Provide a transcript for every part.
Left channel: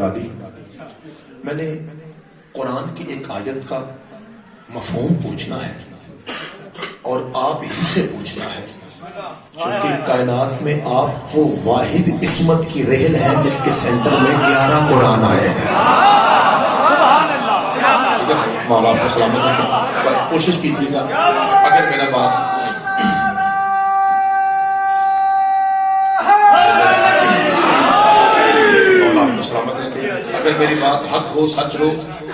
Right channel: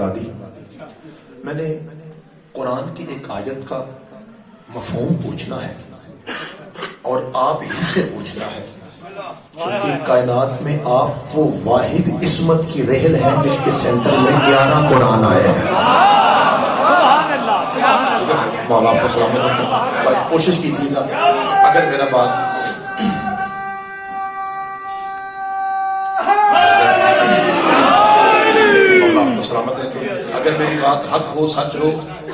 لگا دی. میں نے قرآن کی ایک آیت کا مفہوم پوچھنا ہے اور آپ ہی سے پوچھنا ہے، چونکہ کائنات میں آپ وہ واحد عصمت کی رحل ہیں جس کے سینٹر میں 11 قرآن آئے ہیں. مولا آپ کو سلامت رکھے. کوشش کیجیے گا اگر میرا بات سلامت رکھے، اگر میری بات حق ہو، سچ ہو،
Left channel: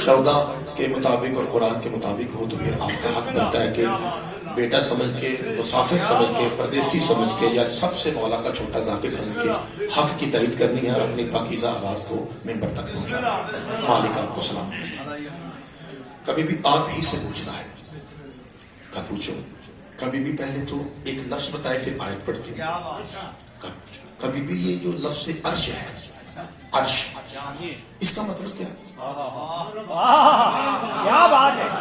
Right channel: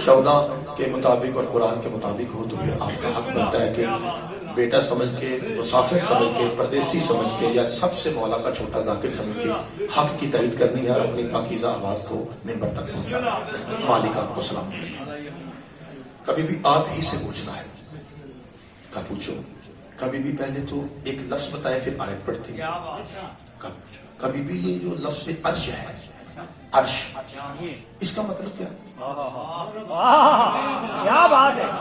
شردا کے مطابق اور قرآن کے مطابق ہو، تو پھر آپ کا حق بنتا ہے کہ بیٹا سمجھ کے، مسافر سمجھ کے، پردیسی سمجھ کے، یا سب سے مولا کا چھوٹا ذاکر سمجھ کے حق کی تائید کرنی ہے اور اپنی پاکیزہ آواز کو منبر تک پہنچانا. مالک آپ کو سلامت رکھے. کبھی بھی آپ ہی سے پوچھنا ہے. کب پوچھو؟ کبھی بھی پہلے تو ایک لفظ بتائے پھر آیت پڑھتی ہے. کب پوچھو؟ کبھی بھی یہ جو لفظ عرش ہے، عرش، اس کا مطلب کیا؟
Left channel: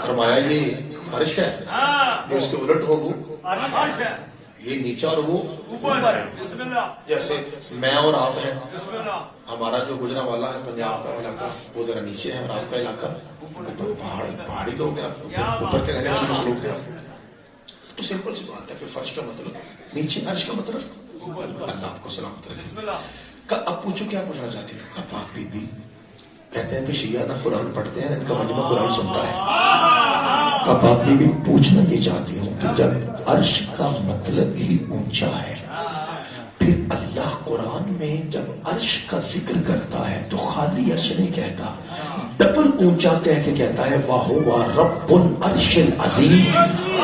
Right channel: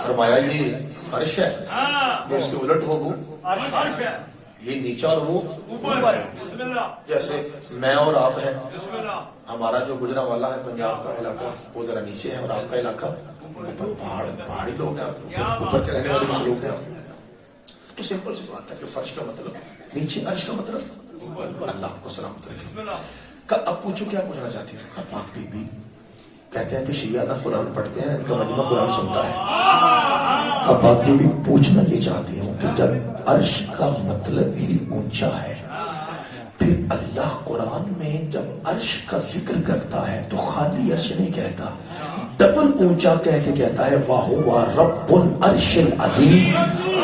فرمایا یہ فرش ہے، جو اس کے الٹ ہو وہ یہ نیچا اور وہ اوپر. جیسے میں اور آپ ہیں، ہمارا جو گجرا والا ہے پنجاب کا علاقہ وہ ذرا نیچے ہے اور آپ کا علاقہ اوپر، پہاڑی لوگ ہیں، اوپر کے رہنے والے لوگ ہیں. تو سمپل سی بات ہے. پھر فرش کا مطلب نیچے، عرش کا مطلب اللہ آپ کو سلامت رکھے. اب پوچھو کیا پوچھنا چاہتی ہوں. پاک بی بی کہتے ہیں کہ شیعہ نہ قرآن پڑھتے ہیں، ان کا مجمع قرآن سنتا ہے. پاک بی بی پوچھنا یہ چاہتی ہوں کہ جب عرش کا مطلب ہی اونچا ہے، پھر اللہ قرآن میں جب عرش کا ذکر کرتا ہے تو خالی عرش نہیں کہتا، ڈبل اونچا کہہ کے کہتا ہے وَهُوَ رَبُّ الْعَرْشِ الْعَظِيمِ،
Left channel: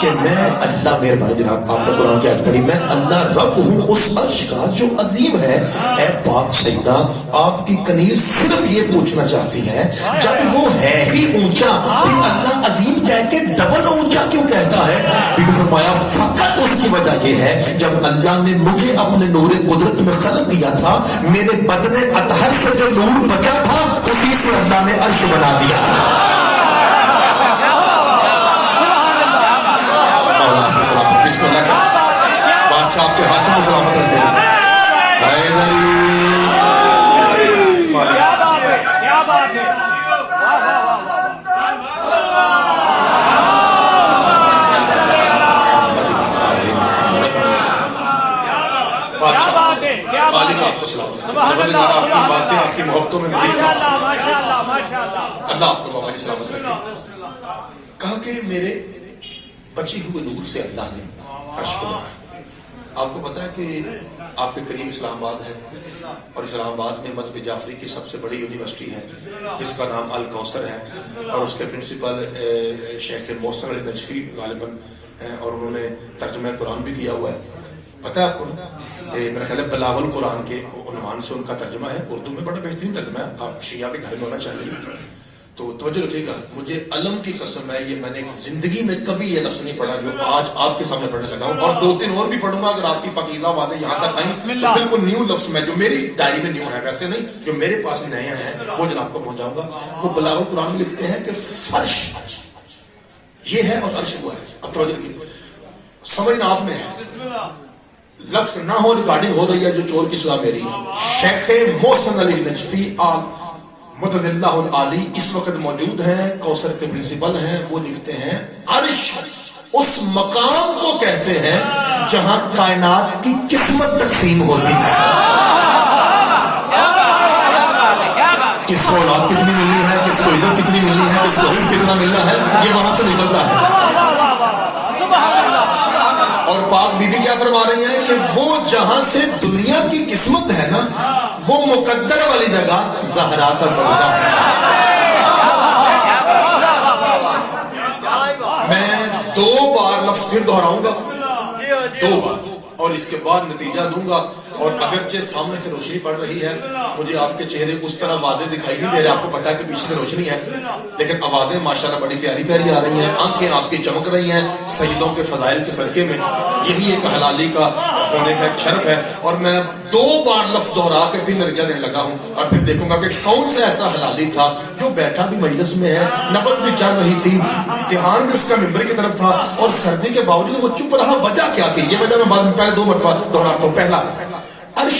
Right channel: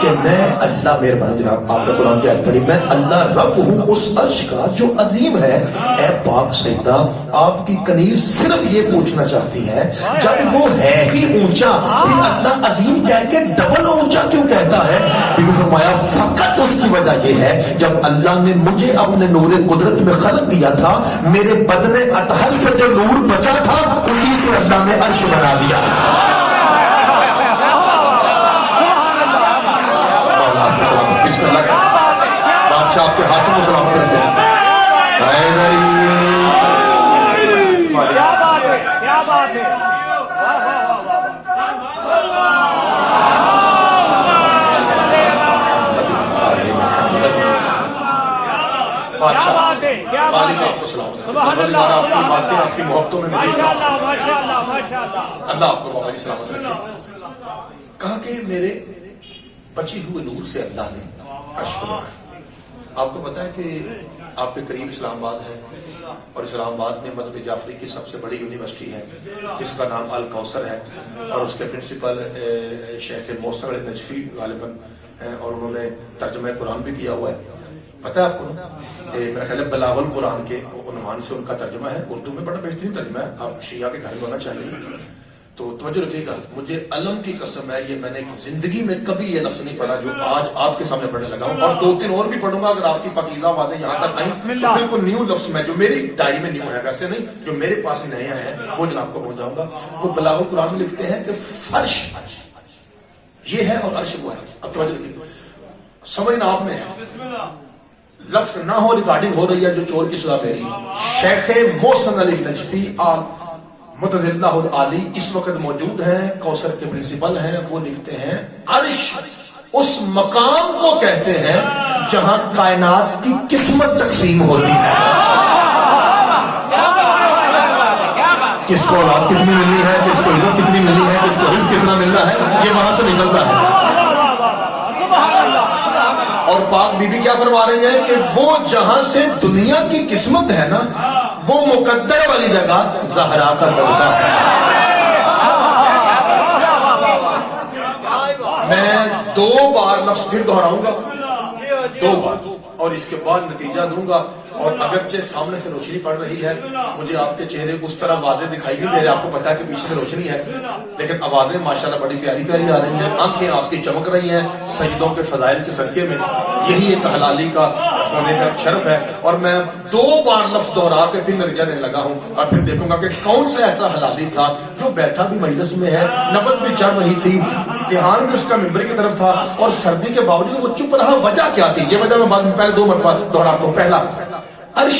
کہ میں اللہ، مہربانی جناب آپ نے قرآن کی آیت پڑھی، میں اللہ رب ہوں اس عرش کا جو عظیم ہے. اے پاک سیدہ، آپ کی کنیز صرف یہ پوچھنا چاہتی ہے جب وہ ہے ہی اونچا پھر اللہ عظیم کہہ کے ڈبل اونچا کیوں کہتا ہے؟ کیونکہ فرمایا فقط اس کی وجہ یہ ہے جب اللہ نے مجھے اپنے نور قدرت میں خلق دیا تھا، میرے بدن اطہر سے جو نور بچا تھا اسی سے اللہ نے عرش بنا دیا تھا. بسم اللہ کا بادشاہ آپ کے ہاتھوں میں سلامت رکھتے ہیں. کیا بات ہے. باتیں آپ کی محبتوں میں اللہ آپ کو بابا جی سلامت رکھے. کہا کہ میرے بچے ہوئے نور سے اللہ نے عرش کو بنایا. آپ کو پتا ہے کہ آپ کے قریب اسلام آباد ہے اور اسلام آباد میں مذہب جعفری کی سب سے بڑی یونیورسٹی ہے جس کا نام الکوثر ہے اور اس کے پرنسپل شیخ محسن علی نجفی غالباً ہیں اور انہوں نے ترجمہ قرآن بھی کیا ہوا ہے. پتہ ہے آپ کو میرا خیال ہے بلاغ القرآن کے عنوان سے ان کا ترجمہ ہے، اردو میں بڑا بہترین ترجمہ ہے، آپ شیعہ کے گھر میں ہونا چاہیے. تو توجہ رکھیے گا، مجھے علم کی قسم ہے یہ میں نے ایک زندگی میں کبھی یہ لفظ نہیں پڑھا جو آج آپ کے سامنے پڑھنے لگا ہوں، اور 2-3 اور بھی پڑھوں گا اگر آپ کی پاکیزہ باتیں یہاں تک آئیں تو بالکل نیو لفظ میں جو میری ڈائری میں نیو ہے، ویسے نہیں جو میرے پاس نئے ہیں وہ جناب کو پہنچاؤں گا. وہ بلاغ القرآن میں لکھتے ہیں کہ فرش یہ ہے اور عرش وہ ہے. اب توجہ رکھیے، سمجھنا آپ نے لفظ نہ ہو، ریکارڈنگ ہو رہی ہے جو چور کی سزا میری. شیخ محسن علی نجفی متض اللہ العالی اس وقت موجود ہیں، کوثر کے پرنسپل ہیں. وہ لکھتے ہیں عرش اس مقام کو کہتے ہیں جہاں کائنات کی قسمت تقسیم ہوتی ہے. کس کو اولاد کتنی ملنی ہے، کس کو عزت کتنی ملنی ہے، کس کو رزق کتنا ملنا ہے، یہ وہاں سے نکلتا ہے. اور پاک بی بی کیا فرما رہی ہیں کہ وہ جہاں سے دنیا کی قسمت ہے نا، وہ مقدر والی جگہ زہرا کا صدقہ ہے. میں 2 بار لفظ پھر دہراؤں گا، 2 بار، اور اس کے بعد نتیجہ دوں گا. اور اگرچہ سامنے سے روشنی پڑ رہی ہے، مجھے آپ کے چہرے اس طرح واضح دکھائی نہیں دے رہے، آپ کو پتا ہے کہ پیچھے سے روشنی ہے، لیکن آوازیں ماشاءاللہ بڑی پیاری پیاری آ رہی ہیں، آنکھیں آپ کی چمک رہی ہیں سجدوں کے فضائل کے صدقے میں. یہی ایک حلالی کا ہونے کا ایک شرف ہے. اور میں 2 بار لفظ دہرا کے پھر نتیجہ دینے لگا ہوں اور پھر دیکھوں گا کہ کون سا ایسا حلالی تھا جو بیٹھا بھی مجلس میں ہے، نبض بھی چل رہی تھی، دھیان بھی اس کا ممبر کی طرف تھا اور سردی کے باوجود وہ چپ رہا. وجہ کیا تھی؟ یہ وجہ میں بعد میں پہلے 2 مرتبہ دہراتا ہوں. پہلا، عرش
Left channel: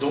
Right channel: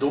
2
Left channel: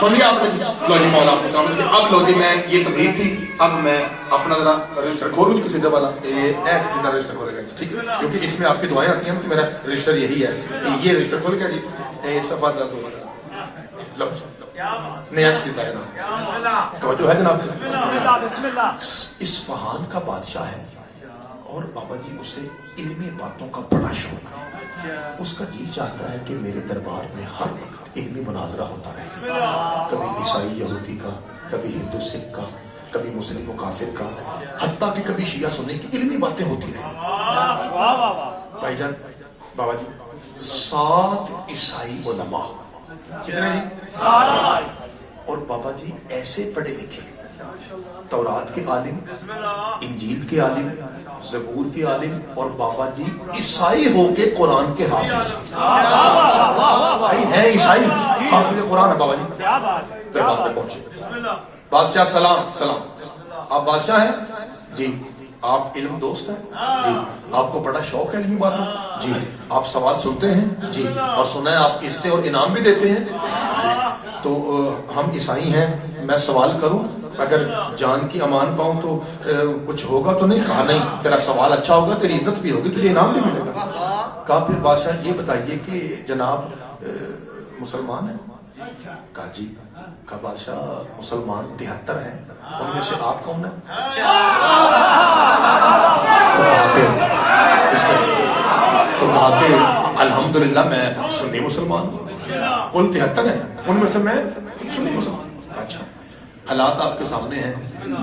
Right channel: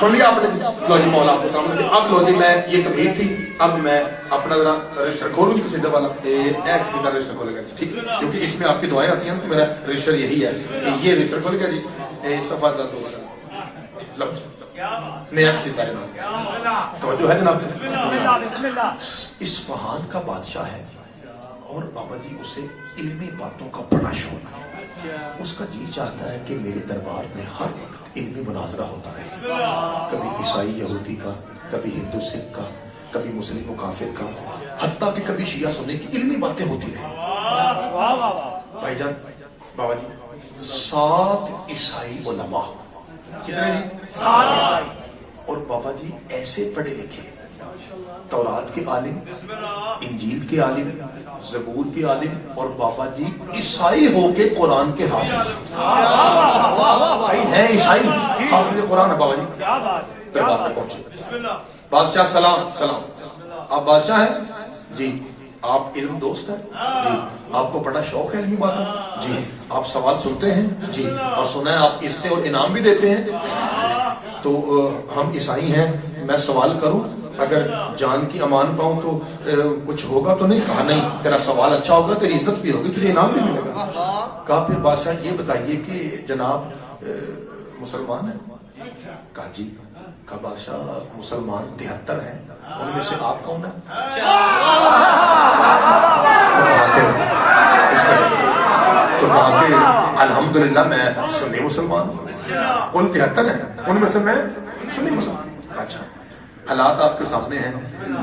سنیے آپ لوگ، لو جی مولا آپ کو سامنے اب لو جی میں یہ تمہید تھی، اب میں اپنا ذرا رجسٹر کھولوں کسی دفعہ والا کسی کا رجسٹر کھولے گا ٹھیک ہے، کیونکہ اس میں آپ کی دعائیں آتی ہیں تو میرا رجسٹر یہی ہے، یہ رجسٹر کھولے گا جی صفحہ 10 لو نیا کسی کا تو جو ہے جناب اصفہان کا بادشاہ ہے اور بابا جی اسے علمی باتوں کا بڑا شوق ہے، اس کا جی چاہتا ہے کہ میرے دربار میں ہر وقت علمی مناظرہ ہوتا رہے، کبھی عیسائی یہودی کا، کبھی ہندو سکھ کا، کبھی مسلم و کافر کا، حتیٰ کہ کبھی شیعہ سنی کی علمی باتیں ہوتی رہی۔ بھائی جان بابا جی 7 عیسائی علماء کتنے جی؟ اور بابا جی ایسے پڑھے لکھے، تورات کے عالم، انجیل کے عالم، زبور کے عالم، اور بابا جی عیسائی ہو کے قرآن کے حافظ ہیں، عیسائی حافظ قرآن ہے بابا جی۔ دربار پہ پہنچے، بادشاہ سلام سلام، آپ بادشاہ ہیں جی، آپ علم دوست ہیں جی، آپ کو بڑا شوق ہے علمی باتوں جی، آپ سوال سنتے ہیں جی، اور سنا ہے آپ عزتیں اور انعام بھی دیتے ہیں، تو ہم عیسائی ہیں، میں سوال کروں، اگر جان کی امان پاؤں تو کچھ ہوگا تو نہیں؟ کہا نہیں، تیرا سوال اچھا ہوگا، تیری عزت بھی ہوگی، تجھے انعام بھی ملے گا۔ کہا پھر بادشاہ یہ بتائیے کہ جناب مسلمان ہیں؟ کہا جی۔ کہا بادشاہ مسلمان 73 ہیں، ان میں سے آپ کون ہیں؟ تو کہا کہ الحمدللہ میں سنی مسلمان ہوں، ان 73 ہیں، ان میں سے میں سنی مسلمان۔ اچھا حالات آپ کے سامنے ہیں،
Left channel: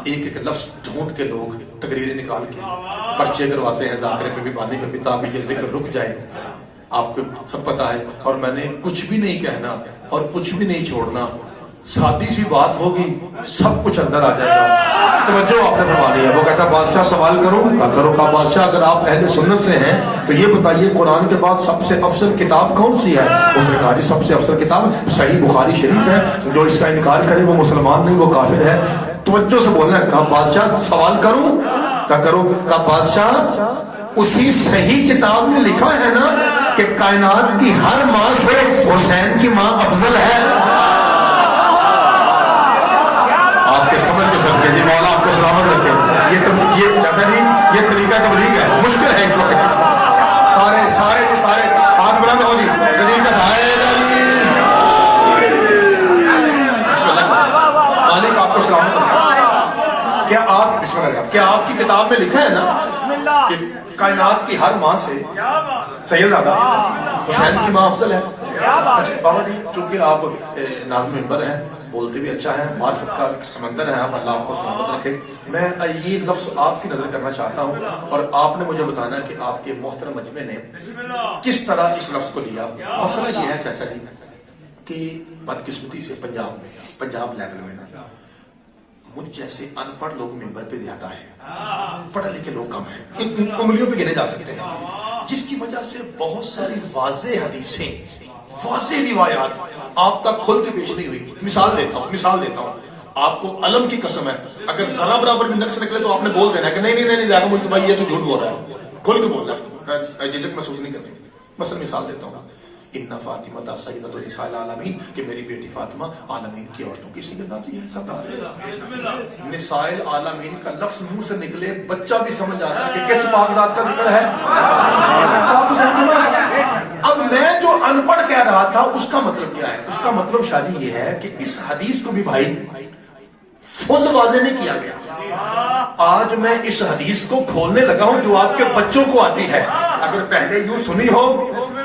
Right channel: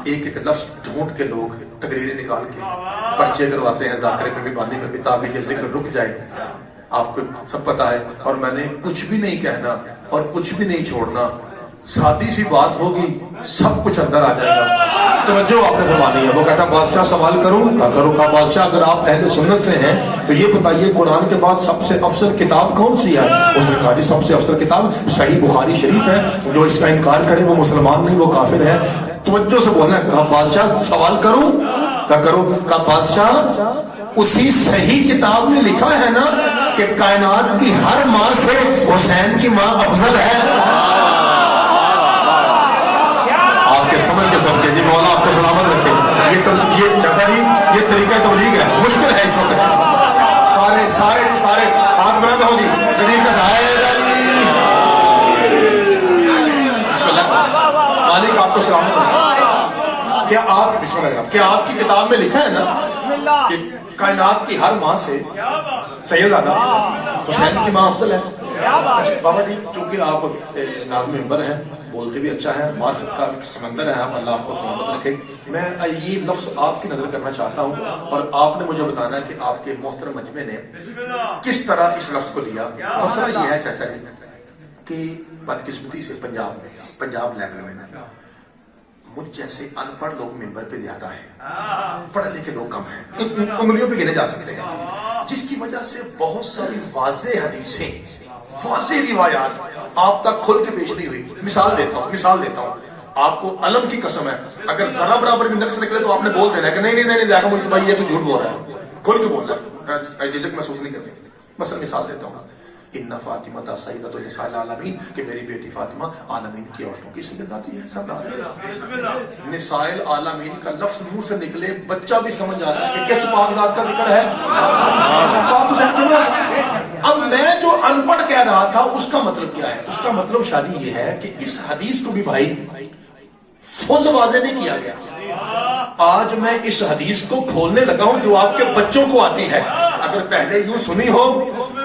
ایک ایک لفظ ڈھونڈ کے لوگ تقریریں نکال کے پرچے کرواتے ہیں، ذاکرے پہ بھی پانی پہ بھی، تاکہ یہ ذکر رک جائے، آپ کو سب پتا ہے، اور میں نے کچھ بھی نہیں کہنا اور کچھ بھی نہیں چھوڑنا، سادی سی بات ہوگی سب کچھ اندر آ جائے گا۔ توجہ آپ نے فرمانی ہے۔ وہ کہتا ہے بادشاہ سوال کروں؟ کہا کرو۔ کہا بادشاہ اگر آپ اہل سنت سے ہیں تو یہ بتائیے قرآن کے بعد سب سے افضل کتاب کون سی ہے؟ اس نے کہا جی سب سے افضل کتاب صحیح بخاری شریف ہے، جو اس کا انکار کرے وہ مسلمان نہیں، وہ کافر ہے۔ توجہ سے بولنا ہے۔ کہا بادشاہ سوال کروں؟ کہا کرو۔ کہا بادشاہ اسی صحیح کتاب میں لکھا ہے نا کہ کائنات کی ہر ماں سے حسین کی ماں افضل ہے؟ سمجھ کے سب کے جی مولا آپ کو سلامت رکھے۔ یہ چاچا جی یہ طریقہ تبلیغ ہے، مشکل ہے اس وقت، سارے سارے سارے ہاتھ بلند ہو جی، غریب کا مالک آپ کو سلامت رکھے۔ کیا آپ بسم اللہ کیا آپ کی کتاب میں لکھا ہے نا کہ کائنات کی ہر ماں سے سیدنا حسین کی ماں افضل ہے؟ اچھا بابا جی چونکہ آپ نام ممبر ہیں، بولتے بھی اچھا ہے، معرفت کا سمندر ہے، اللہ آپ کو سلامت رکھے۔ میں یہ لفظ آپ کی نظر کرنا چاہتا ہوں اور آپ نے مجھے بتانا ہے کہ آپ کے محترم مجمع نے کس طرح اس لفظ کو لیا۔ مسئلہ یہ ہے چاچا جی کہ بدقسمتی سے پنجاب لیول میں نا مجھ جیسے ان پڑھ لوگ ممبر پہ زیادہ ہیں، پڑھے لکھے لوگ کم ہیں، انگلیوں پہ گنے جا سکتے ہیں، جس کی وجہ سے بہت ساری واضح حدیثیں، واضح روایات آپ تک کھل کے پیش نہیں ہوئی۔ مثال دیتا ہوں آپ کو علم کی قسم ہے، اگر ذرا برابر بھی نقص نکلے تو آپ نے بول دینا کہ نہیں بھائی یہ تو جھوٹ بول رہا ہے، کھل کے بول رہا ہے، جھجک محسوس نہیں کرتے۔ مثلا مثال دیتا ہوں، ان فاطمہ سیدۃ النساء العالمین کہ میری بیٹی فاطمہ عالمین کی عورتوں کی سید ذاتی ہے۔ نساء العالمین کا لفظ منہ سے نکلے بچہ بھی سمجھ آ رہا ہے کہ کس پاک ذات کا ذکر ہے۔ اب میں جو ان پڑھ کہہ رہا تھا اس کا مطلب کیا ہے؟ اس کا مطلب شادی یہ ہے کہ اس حدیث کو بھی بھائی فل واضح نہیں کیا گیا۔ آج میں اس حدیث کو کھولنے لگا ہوں جو آپ کے بچوں کو آتی ہے، اگر پہلے یوں سنی ہو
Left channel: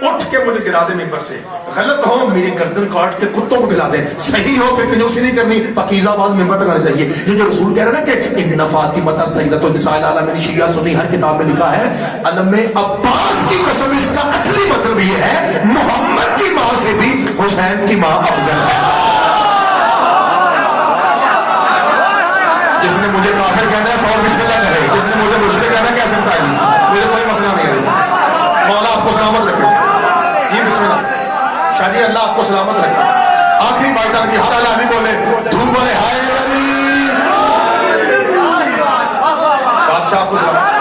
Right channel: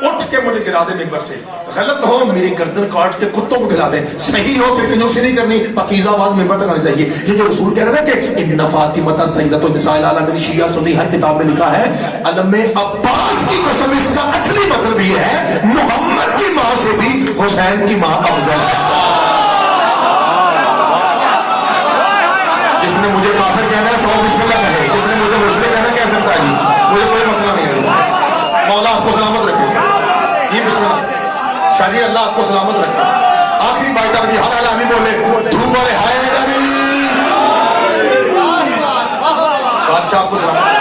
اٹھ کے مجھے گرا دے ممبر سے، غلط ہو میری گردن کاٹ کے کتوں کو کھلا دیں، صحیح ہو پھر کنجوسی نہیں کرنی، پاکیزہ بات ممبر تک آنا چاہیے۔ یہ جو رسول کہہ رہے ہیں نا کہ ان فاطمہ سیدۃ النساء العالمین، شیعہ سنی ہر کتاب میں لکھا ہے، علم عباس کی قسم اس کا اصلی مطلب یہ ہے محمد کی ماں سے بھی حسین کی ماں افضل ہے۔ جس نے مجھے کافر کہنا ہے سو بسم اللہ کہے، جس نے مجھے مشرک کہنا کہہ سکتا ہے، مجھے کوئی مسئلہ نہیں ہے۔ مولا آپ کو سلامت رکھے۔ یہ بسم اللہ شادی اللہ آپ کو سلامت رکھے۔ آخری بات کی ہر آدمی بولے دھوپ والے ہائے بادشاہ آپ کو سلامت۔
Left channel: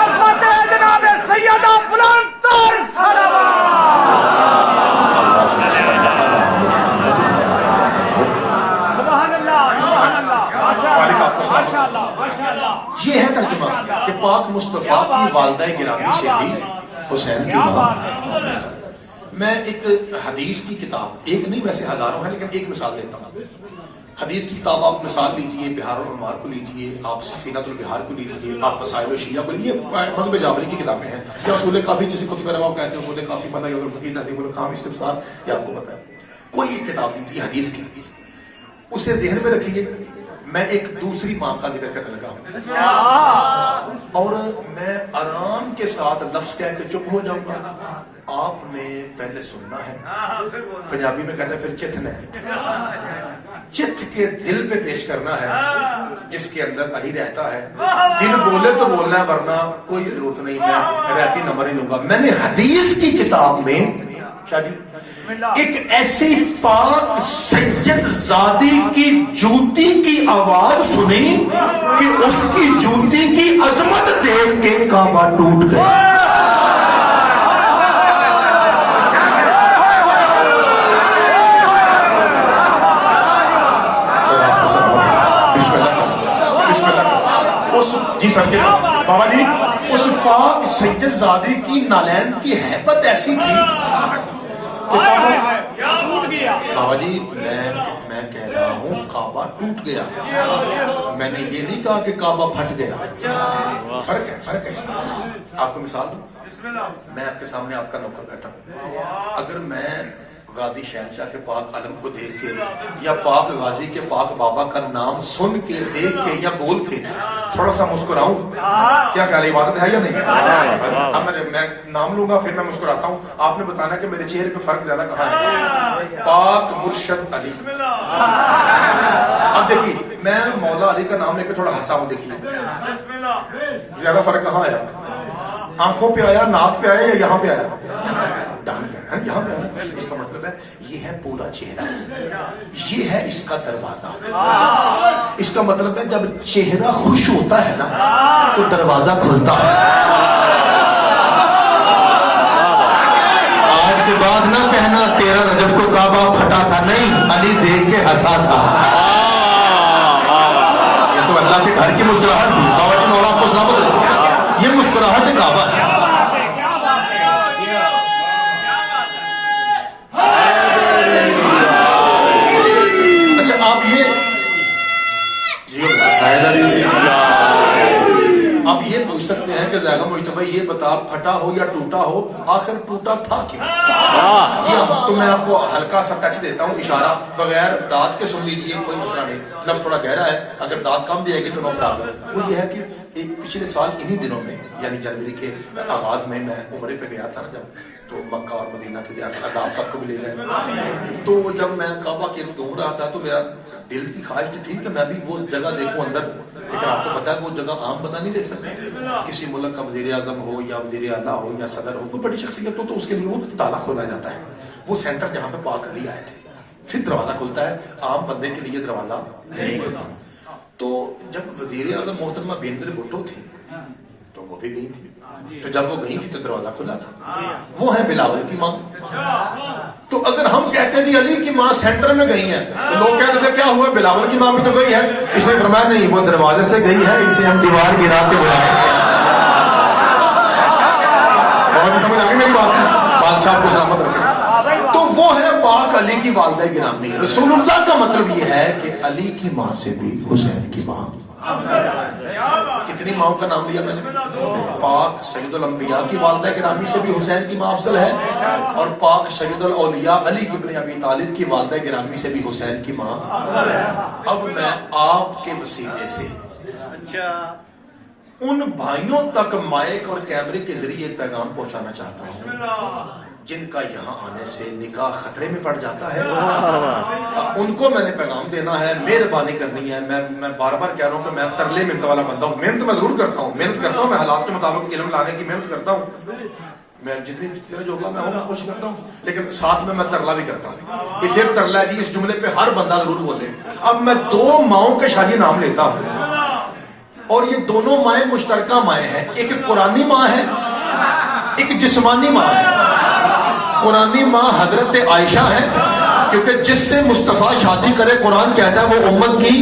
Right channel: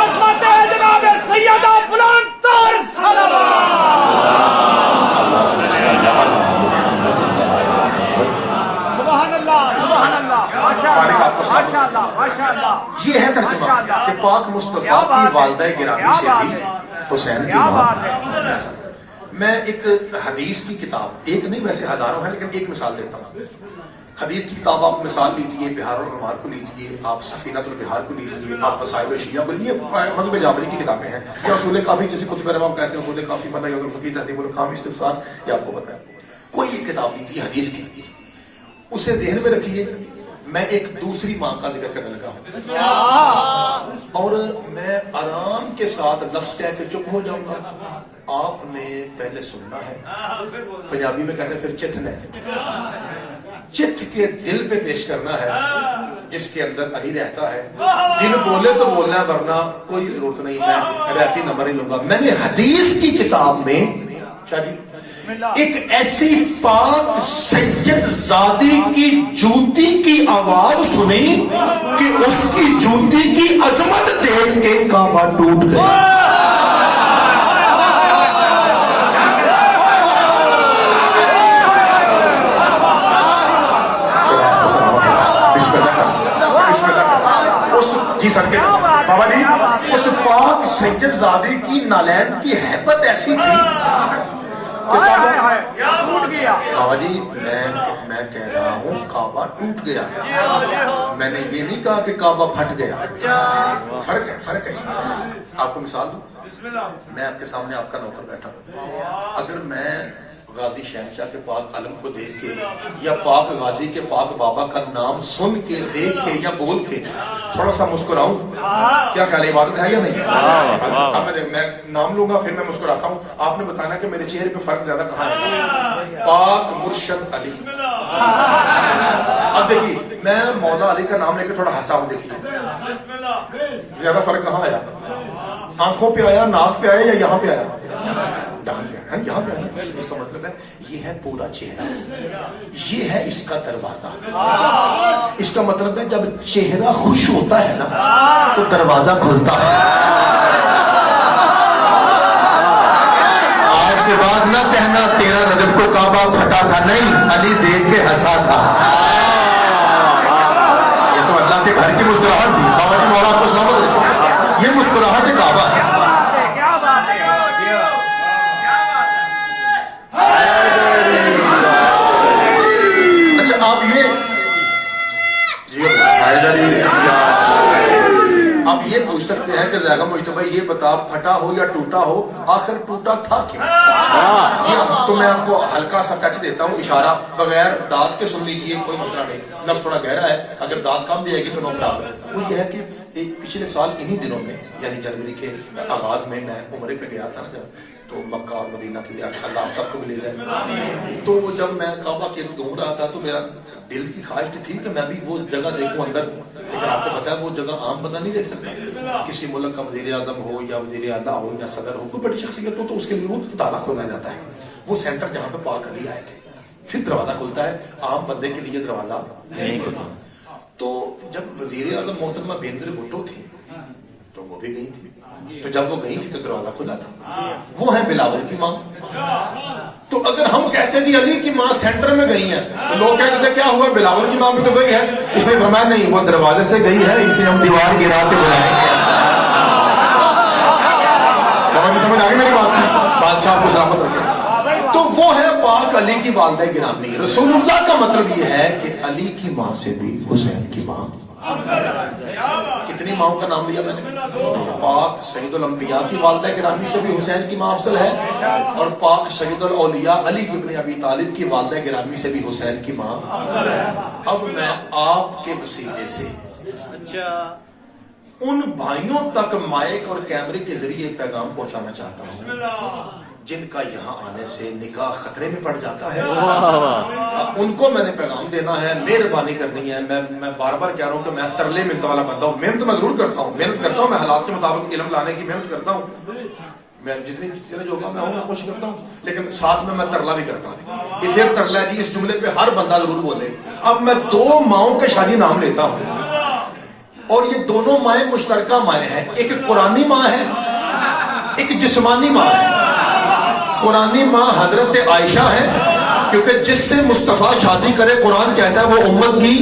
یہ ہے ترجمہ کہ پاک مصطفیٰ کی والدہ گرامی سے بھی حسین کی ماں. میں ایک حدیث کی کتاب، ایک نہیں ویسے ہزاروں ہیں لیکن ایک مثال دیتا ہوں. حدیث کی کتاب آپ مثال لیجئے، بہار الانوار کو لیجئے، آپ سفینۃ البحار کو لیجئے، آپ وسائل الشیعہ کو، یہ حضرت جعفری کی کتابیں ہیں. یہ اصول کافی کسی کتب روا کہتے ہیں، اصول کافی پتہ ہے، فقیہ تہذیب الکام استفسار، یہ آپ کو پتہ ہے. کوئی ایک کتاب لیجیے حدیث کی، اسے ذہن میں رکھیے. میں ایک دوسری ماں کا ذکر کرنے لگا ہوں اور میں آرام کے ساتھ لفظ کہہ کے چپ ہو جاؤں گا. آپ نے پہلے سننا ہے، پنجابی میں کہتے ہیں پھر چتنا ہے، چت کے دل پہ پیش کرنا ہے جس کے اندر علی رہتا ہے. دل بولے تو بولنا ہے، ورنہ کوئی ضرورت نہیں، میں رہتی نمبر ہی لوں گا. میں نے حدیث کی کتاب میں ایک ایسی پاک سید زادی کی جوتی کی آواز سنی کہ اس کی جوتی کی عظمت دیکھ کے کعبہ ٹوٹ گیا. جی سر کے بابا جی، اس پاک سید زادی کی نالین کی ہیبت ایسی تھی. بابا جی میں کہہ رہا ہوں کعبہ ٹوٹ گیا، میں نے یہ نہیں کہا کہ کعبہ پھٹ گیا. فرق ہے. آپ کو مثال دوں، میں آپ کے سامنے آپ کا نوکر بیٹھا ہوں. اگر میں غازی شہنشاہ کے پاک علم کو دیکھ کے یا پاک غازی کے پاک بابا کا نام سن کے، دیکھ کے یا بول کے تھوڑا سا مسکراؤں، کیا خیال ہے؟ عبادت ہے یا نہیں؟ میں نام لوں گا پھر میں مسکراتا ہوں. آپ نے بتانا کہ میرے چہرے پہ فرق زیادہ کہاں ہے. پاک مرشد علی. اب دیکھیے میں مولا علی کا نام لے کے تھوڑا ہنسا ہوں، دیکھیے زیادہ فرق کہاں آیا؟ آنکھوں پہ آیا، ناک پہ آیا یا یہاں پہ آیا؟ یہاں پہ آیا. اس کا مطلب ہے یہ ہے پورا چہرہ، یہ ہے اس کا دروازہ. اس کا مطلب ہے جب چہرہ خوش ہوتا ہے نا تو دروازہ کھلتا ہے. آج کے بعد نہ کہنا 13 رجب کو کعبہ پھٹا تھا، نہیں، علی دیکھ کے ہنسا تھا. یہ تو اللہ کے گھر کی مسکراہٹ تھی. بابا کی مولا کو سلامت، یہ مسکراہٹ ہے کعبہ. سکتے ہیں کہ زیادہ مجتبہ یہ بتا پھٹا ہو یا ٹوٹا ہو، آخر ٹوٹا تھا کیوں؟ تو میں آپ کو ہلکا سا ٹچ دیتا ہوں، اشارہ بغیر دانت کے سن لیجئے، کوئی مسئلہ نہیں. لفظ تھوڑا گہرا ہے، اگر دانت کم بھی آئے گی تو میں بتا دوں. وہ یہ ہے کہ پچھلے سال انہی دنوں میں یعنی جنوری کے آغاز میں عمرے پہ گیا تھا نا جب، تو مکہ اور مدینہ کی زیارت، اللہ آپ سب کو بھی لے جائے. تو جب میں کعبہ کے گھوم رہا تھا تو میرا دل کی خواہش تھی کہ میں بھی وہ جگہ دیکھوں اندر. لیکن آپ کو پتا ہے وہ جگہ عام بندہ نہیں دیکھ سکتا. کسی ملک کا وزیر اعظم ہو یا وزیر اعلیٰ ہو یا صدر ہو، کوئی بڑی شخصیت ہو تو اس کے لیے وہ تالا کھولا جاتا ہے. وہ سینٹر جہاں پہ پاک علی آئے تھے، پھر دروازہ کھلتا ہے. عام بندے کے لیے دروازہ نہیں کھلتا. تو جب وزیر اعظم محترمہ بینظیر بھٹو تھی تو وہ بھی گئی تھی، تو جب وہ گئی تھی تو دروازہ کھلا تھا. وہ ہے بلاول کی ماں. تو اگر ہم کہتے جی علی کی ماں سینٹر میں گئی ہے تو لوگ کہتے تھے کیا ہوا، بلاول کی ماں بھی تو گئی ہے. اس نے فرمایا نہیں، وہ دروازے سے گئی ہے، اسے ہم دیوار گرا کے بلائیں گے. سمجھ آئی میری بات؟ بادشاہ کو سلامت رکھے. تو وہ ہے پاک علی کی والدہ گرامی. رسول اللہ کا مطلب یہ ہے کہ علی کی ماں سے بھی حسین کی ماں. کتنی ماں کا نام لیا میں نے؟ پاک سید الانبیاء کی والدہ گرامی سے بھی حسین کی ماں افضل ہے، اور پاک سید الاولیاء علی بن ابی طالب کی والدہ گرامی سے بھی حسین کی ماں. اب میں آپ کے وسیلے سے ان بھائیوں تک مائک اور کیمرے کے ذریعے پیغام پہنچانا چاہتا ہوں جن کا یہاں آنے سے نکاح خطرے میں پڑ جاتا ہے. ان کو میں نے پیغام دینا ہے، مہربانی کرنی ہے. میں بار بار کہہ رہا ہوں کہ میں ترلے منت والا بندہ ہوں. محنت میں ضرور کرتا ہوں، میں حالات کے مطابق علم لانے کی محنت کرتا ہوں. میں جتنی جو میں ہوں کوشش کرتا ہوں، لیکن ساتھ میں ترلا بھی کرتا ہوں. یہ پھر ترلا جی اس جملے پہ ہر بندہ ضرور بولے. اب میں 2 ماؤں کے شادی نام لیتا ہوں اور یہ دونوں مائیں مشترکہ مائیں ہیں. ایک قرآنی ماں ہے، ایک جسمانی ماں ہے. قرآنی ماں حضرت عائشہ ہے، کیونکہ جس سے مصطفیٰ شادی کرے قرآن کہتا ہے وہ امت کی،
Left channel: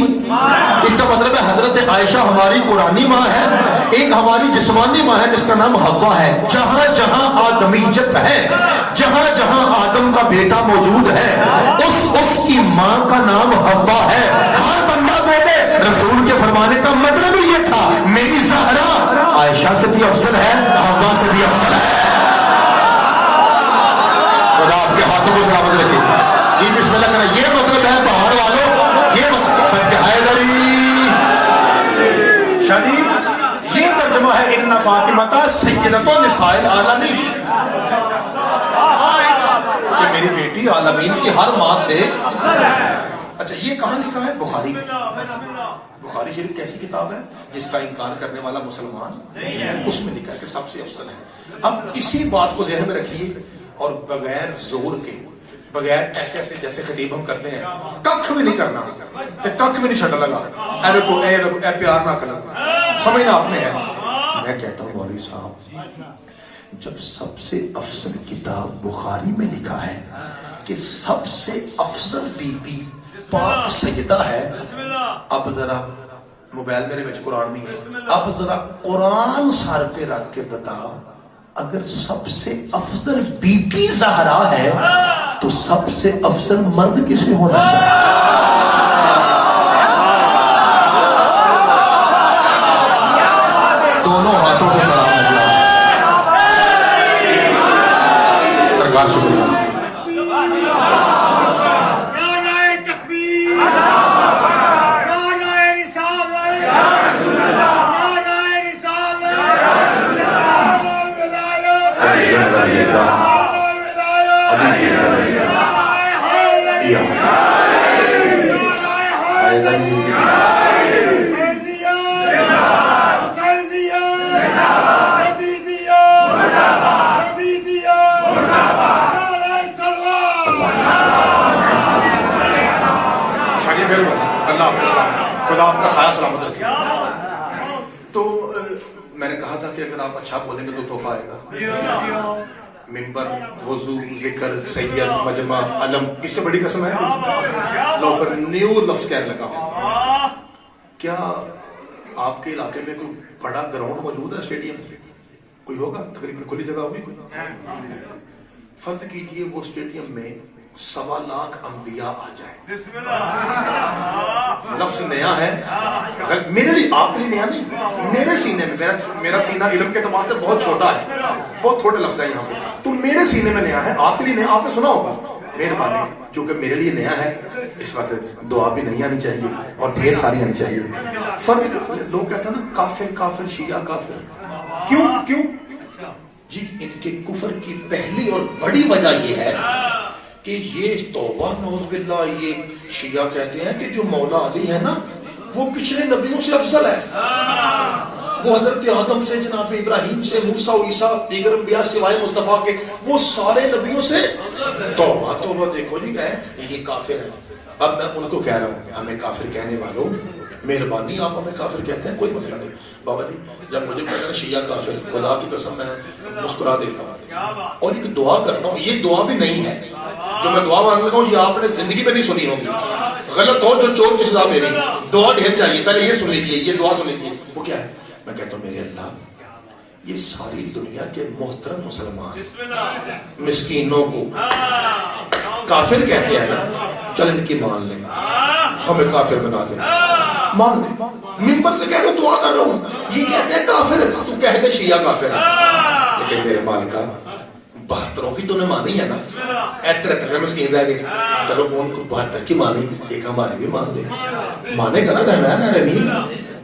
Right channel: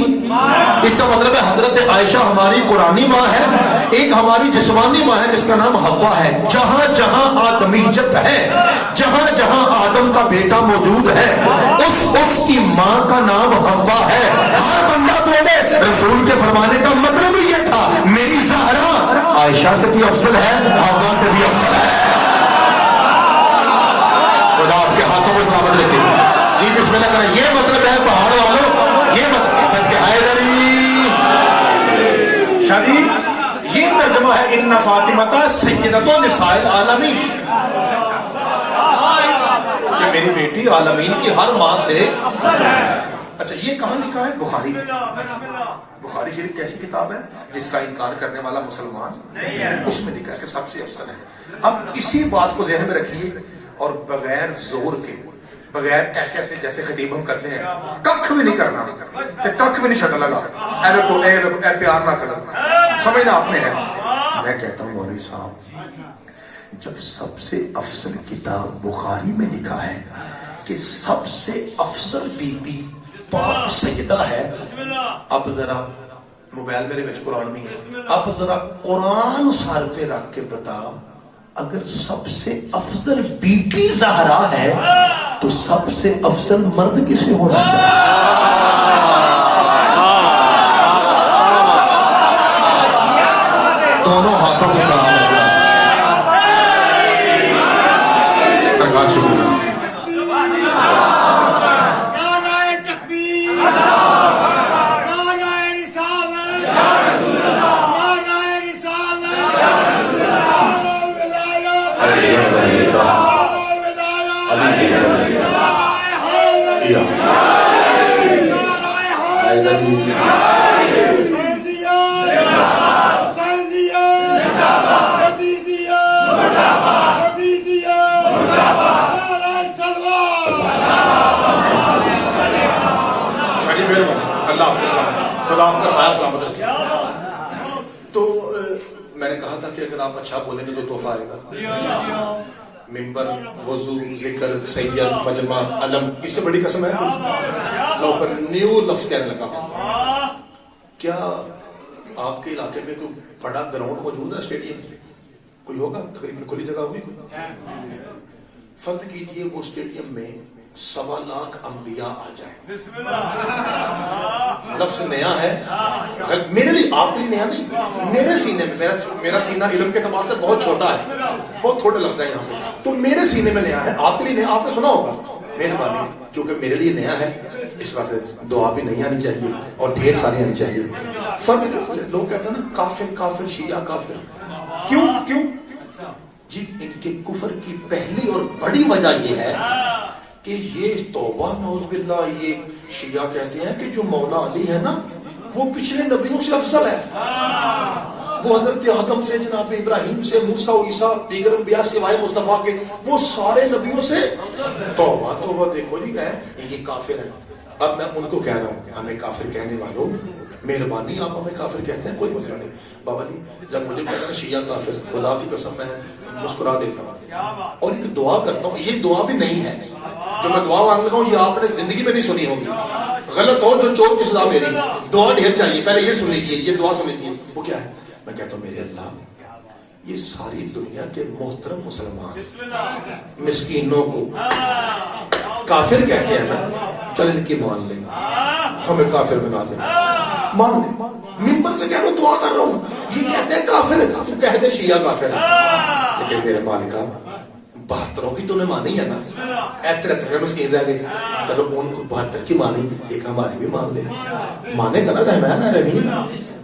اس کا مطلب ہے حضرت عائشہ ہماری قرآنی ماں ہے۔ ایک ہماری جسمانی ماں ہے جس کا نام حوا ہے۔ جہاں جہاں آدمیت ہے، جہاں جہاں آدم کا بیٹا موجود ہے، اس کی ماں کا نام حوا ہے۔ ہر بندہ بولے رسول کے فرمانے کا مطلب ہی یہ تھا، میری زہرا عائشہ سے بھی افضل ہے، حوا سے بھی افضل ہے۔ خدا آپ کے ہاتھوں کو سلامت رکھے۔ جی بسم اللہ کریں۔ یہ مطلب ہے پہاڑ والوں، یہ مطلب سب کے حیدری شریف، یہ ترجمہ ہے ان فاطمہ سیدۃ نساء العالمین، کہ میری بیٹی عالمین کی ہر ماں سے۔ اچھا یہ کہاں لکھا ہے؟ بخاری میں۔ بخاری شریف کیسی کتاب ہے جس کا انکار کرنے والا مسلمان نہیں ہے؟ اس میں لکھا ہے کہ سب سے افضل ہے۔ اب اسی بات کو ذہن میں رکھیے اور بغیر زور کے، بغیر ایسے ایسے جیسے خطیب ہم کرتے ہیں، ککھ بھی نہیں کرنا، ککھ بھی نہیں چھڑنا لگا، اے پیار نہ کرنا، سمجھنا آپ نے ہے۔ میں کہتا ہوں مولوی صاحب، جب سب سے افضل کتاب بخاری میں لکھا ہے کہ سب سے افضل بی بی پاک سیدہ ہے، اب ذرا موبائل میرے بچ قرآن نہیں ہے، اب ذرا قرآن سر پہ رکھ کے بتاؤ، اگر سب سے افضل بی بی زہرا ہے تو سب سے افضل مرد کسے ہونا چاہیے؟ دونوں ہاتھوں سے سلام ہے سرکار، شکریہ۔ تو میں نے کہا تھا کہ اگر آپ اچھا بولیں گے تو تحفہ آئے گا۔ منبر، وضو، ذکر، سید، مجمع، علم، اس سے بڑی قسم ہے لوگ نیو لفظ کہنے لگا۔ کیا آپ کے علاقے میں کوئی بڑا گراؤنڈ موجود ہے، اسٹیڈیم کوئی ہوگا؟ تقریباً کھلی جگہ ہوگی کوئی؟ فرض کیجئے وہ اسٹیڈیم میں 1.25 لاکھ انبیاء آ جائیں۔ لفظ نیا ہے میرے لیے، آپ کے لیے نیا نہیں، میرے سینے میں، میرا سینہ علم کے اعتبار سے بہت چھوٹا ہے، بہت چھوٹے لفظ ہے یہاں پہ، تو میرے سینے میں نیا ہے، آپ کے لیے نیا، آپ نے سنا ہوگا، مہربانی کیونکہ میرے لیے نیا ہے اس وجہ سے دعا بھی نہیں آنی چاہیے اور ڈھیر ساری آنی چاہیے۔ فرق لوگ کہتے ہیں نا کافر کافر شیعہ کافر، کیوں؟ جی ان کے کفر کی پہلی اور بڑی وجہ یہ ہے کہ یہ توبہ نعوذ باللہ، یہ شیعہ کہتے ہیں کہ جو مولا علی ہے نا وہ پچھلے نبیوں سے افضل ہے، وہ حضرت آدم سے، جناب ابراہیم سے، موسیٰ و عیسیٰ، دیگر انبیاء سوائے مصطفیٰ کے، وہ سارے نبیوں سے۔ توبہ دیکھو جی یہ کافر ہے۔ اب میں ان کو کہہ رہا ہوں، ہمیں کافر کہنے والوں مہربانی آپ ہمیں کافر کہتے ہیں، کوئی مسئلہ نہیں بابا جی، جب مجھے کہتے ہیں شیعہ کافر، خدا کی قسم میں مسکرا دیتا ہوں اور ایک دعا کرتا ہوں، یہ دعا بھی نہیں ہے جو میں دعا مانگ رہا ہوں، یہ آپ نے زندگی میں نہیں سنی ہوگی، غلط ہو جو چور کی سزا میری، دعا ڈھیر چاہیے، پہلے یہ سن لیجیے، یہ دعا سن لیجیے۔ وہ کیا ہے؟ میں کہتا ہوں میرے اللہ، یہ ساری دنیا کے محترم مسلمان مسکینوں کو کافر کہتے ہیں نا، چل ان کی مان لیں، ہمیں کافر بنا دیں، مان لیں، ممبر سے کہہ رہا ہوں، دعا کر رہا ہوں، یہ کہتے ہیں کافر، تو کہہ دے شیعہ کافر ہے، لیکن میرے مالکہ 72 کی تو نے مانی ہے نا، 73 مسکین رہ گئی، چلو ان کو 72 کی مانی، ایک ہماری بھی مان لے، مانے گا نا رحمان رحیم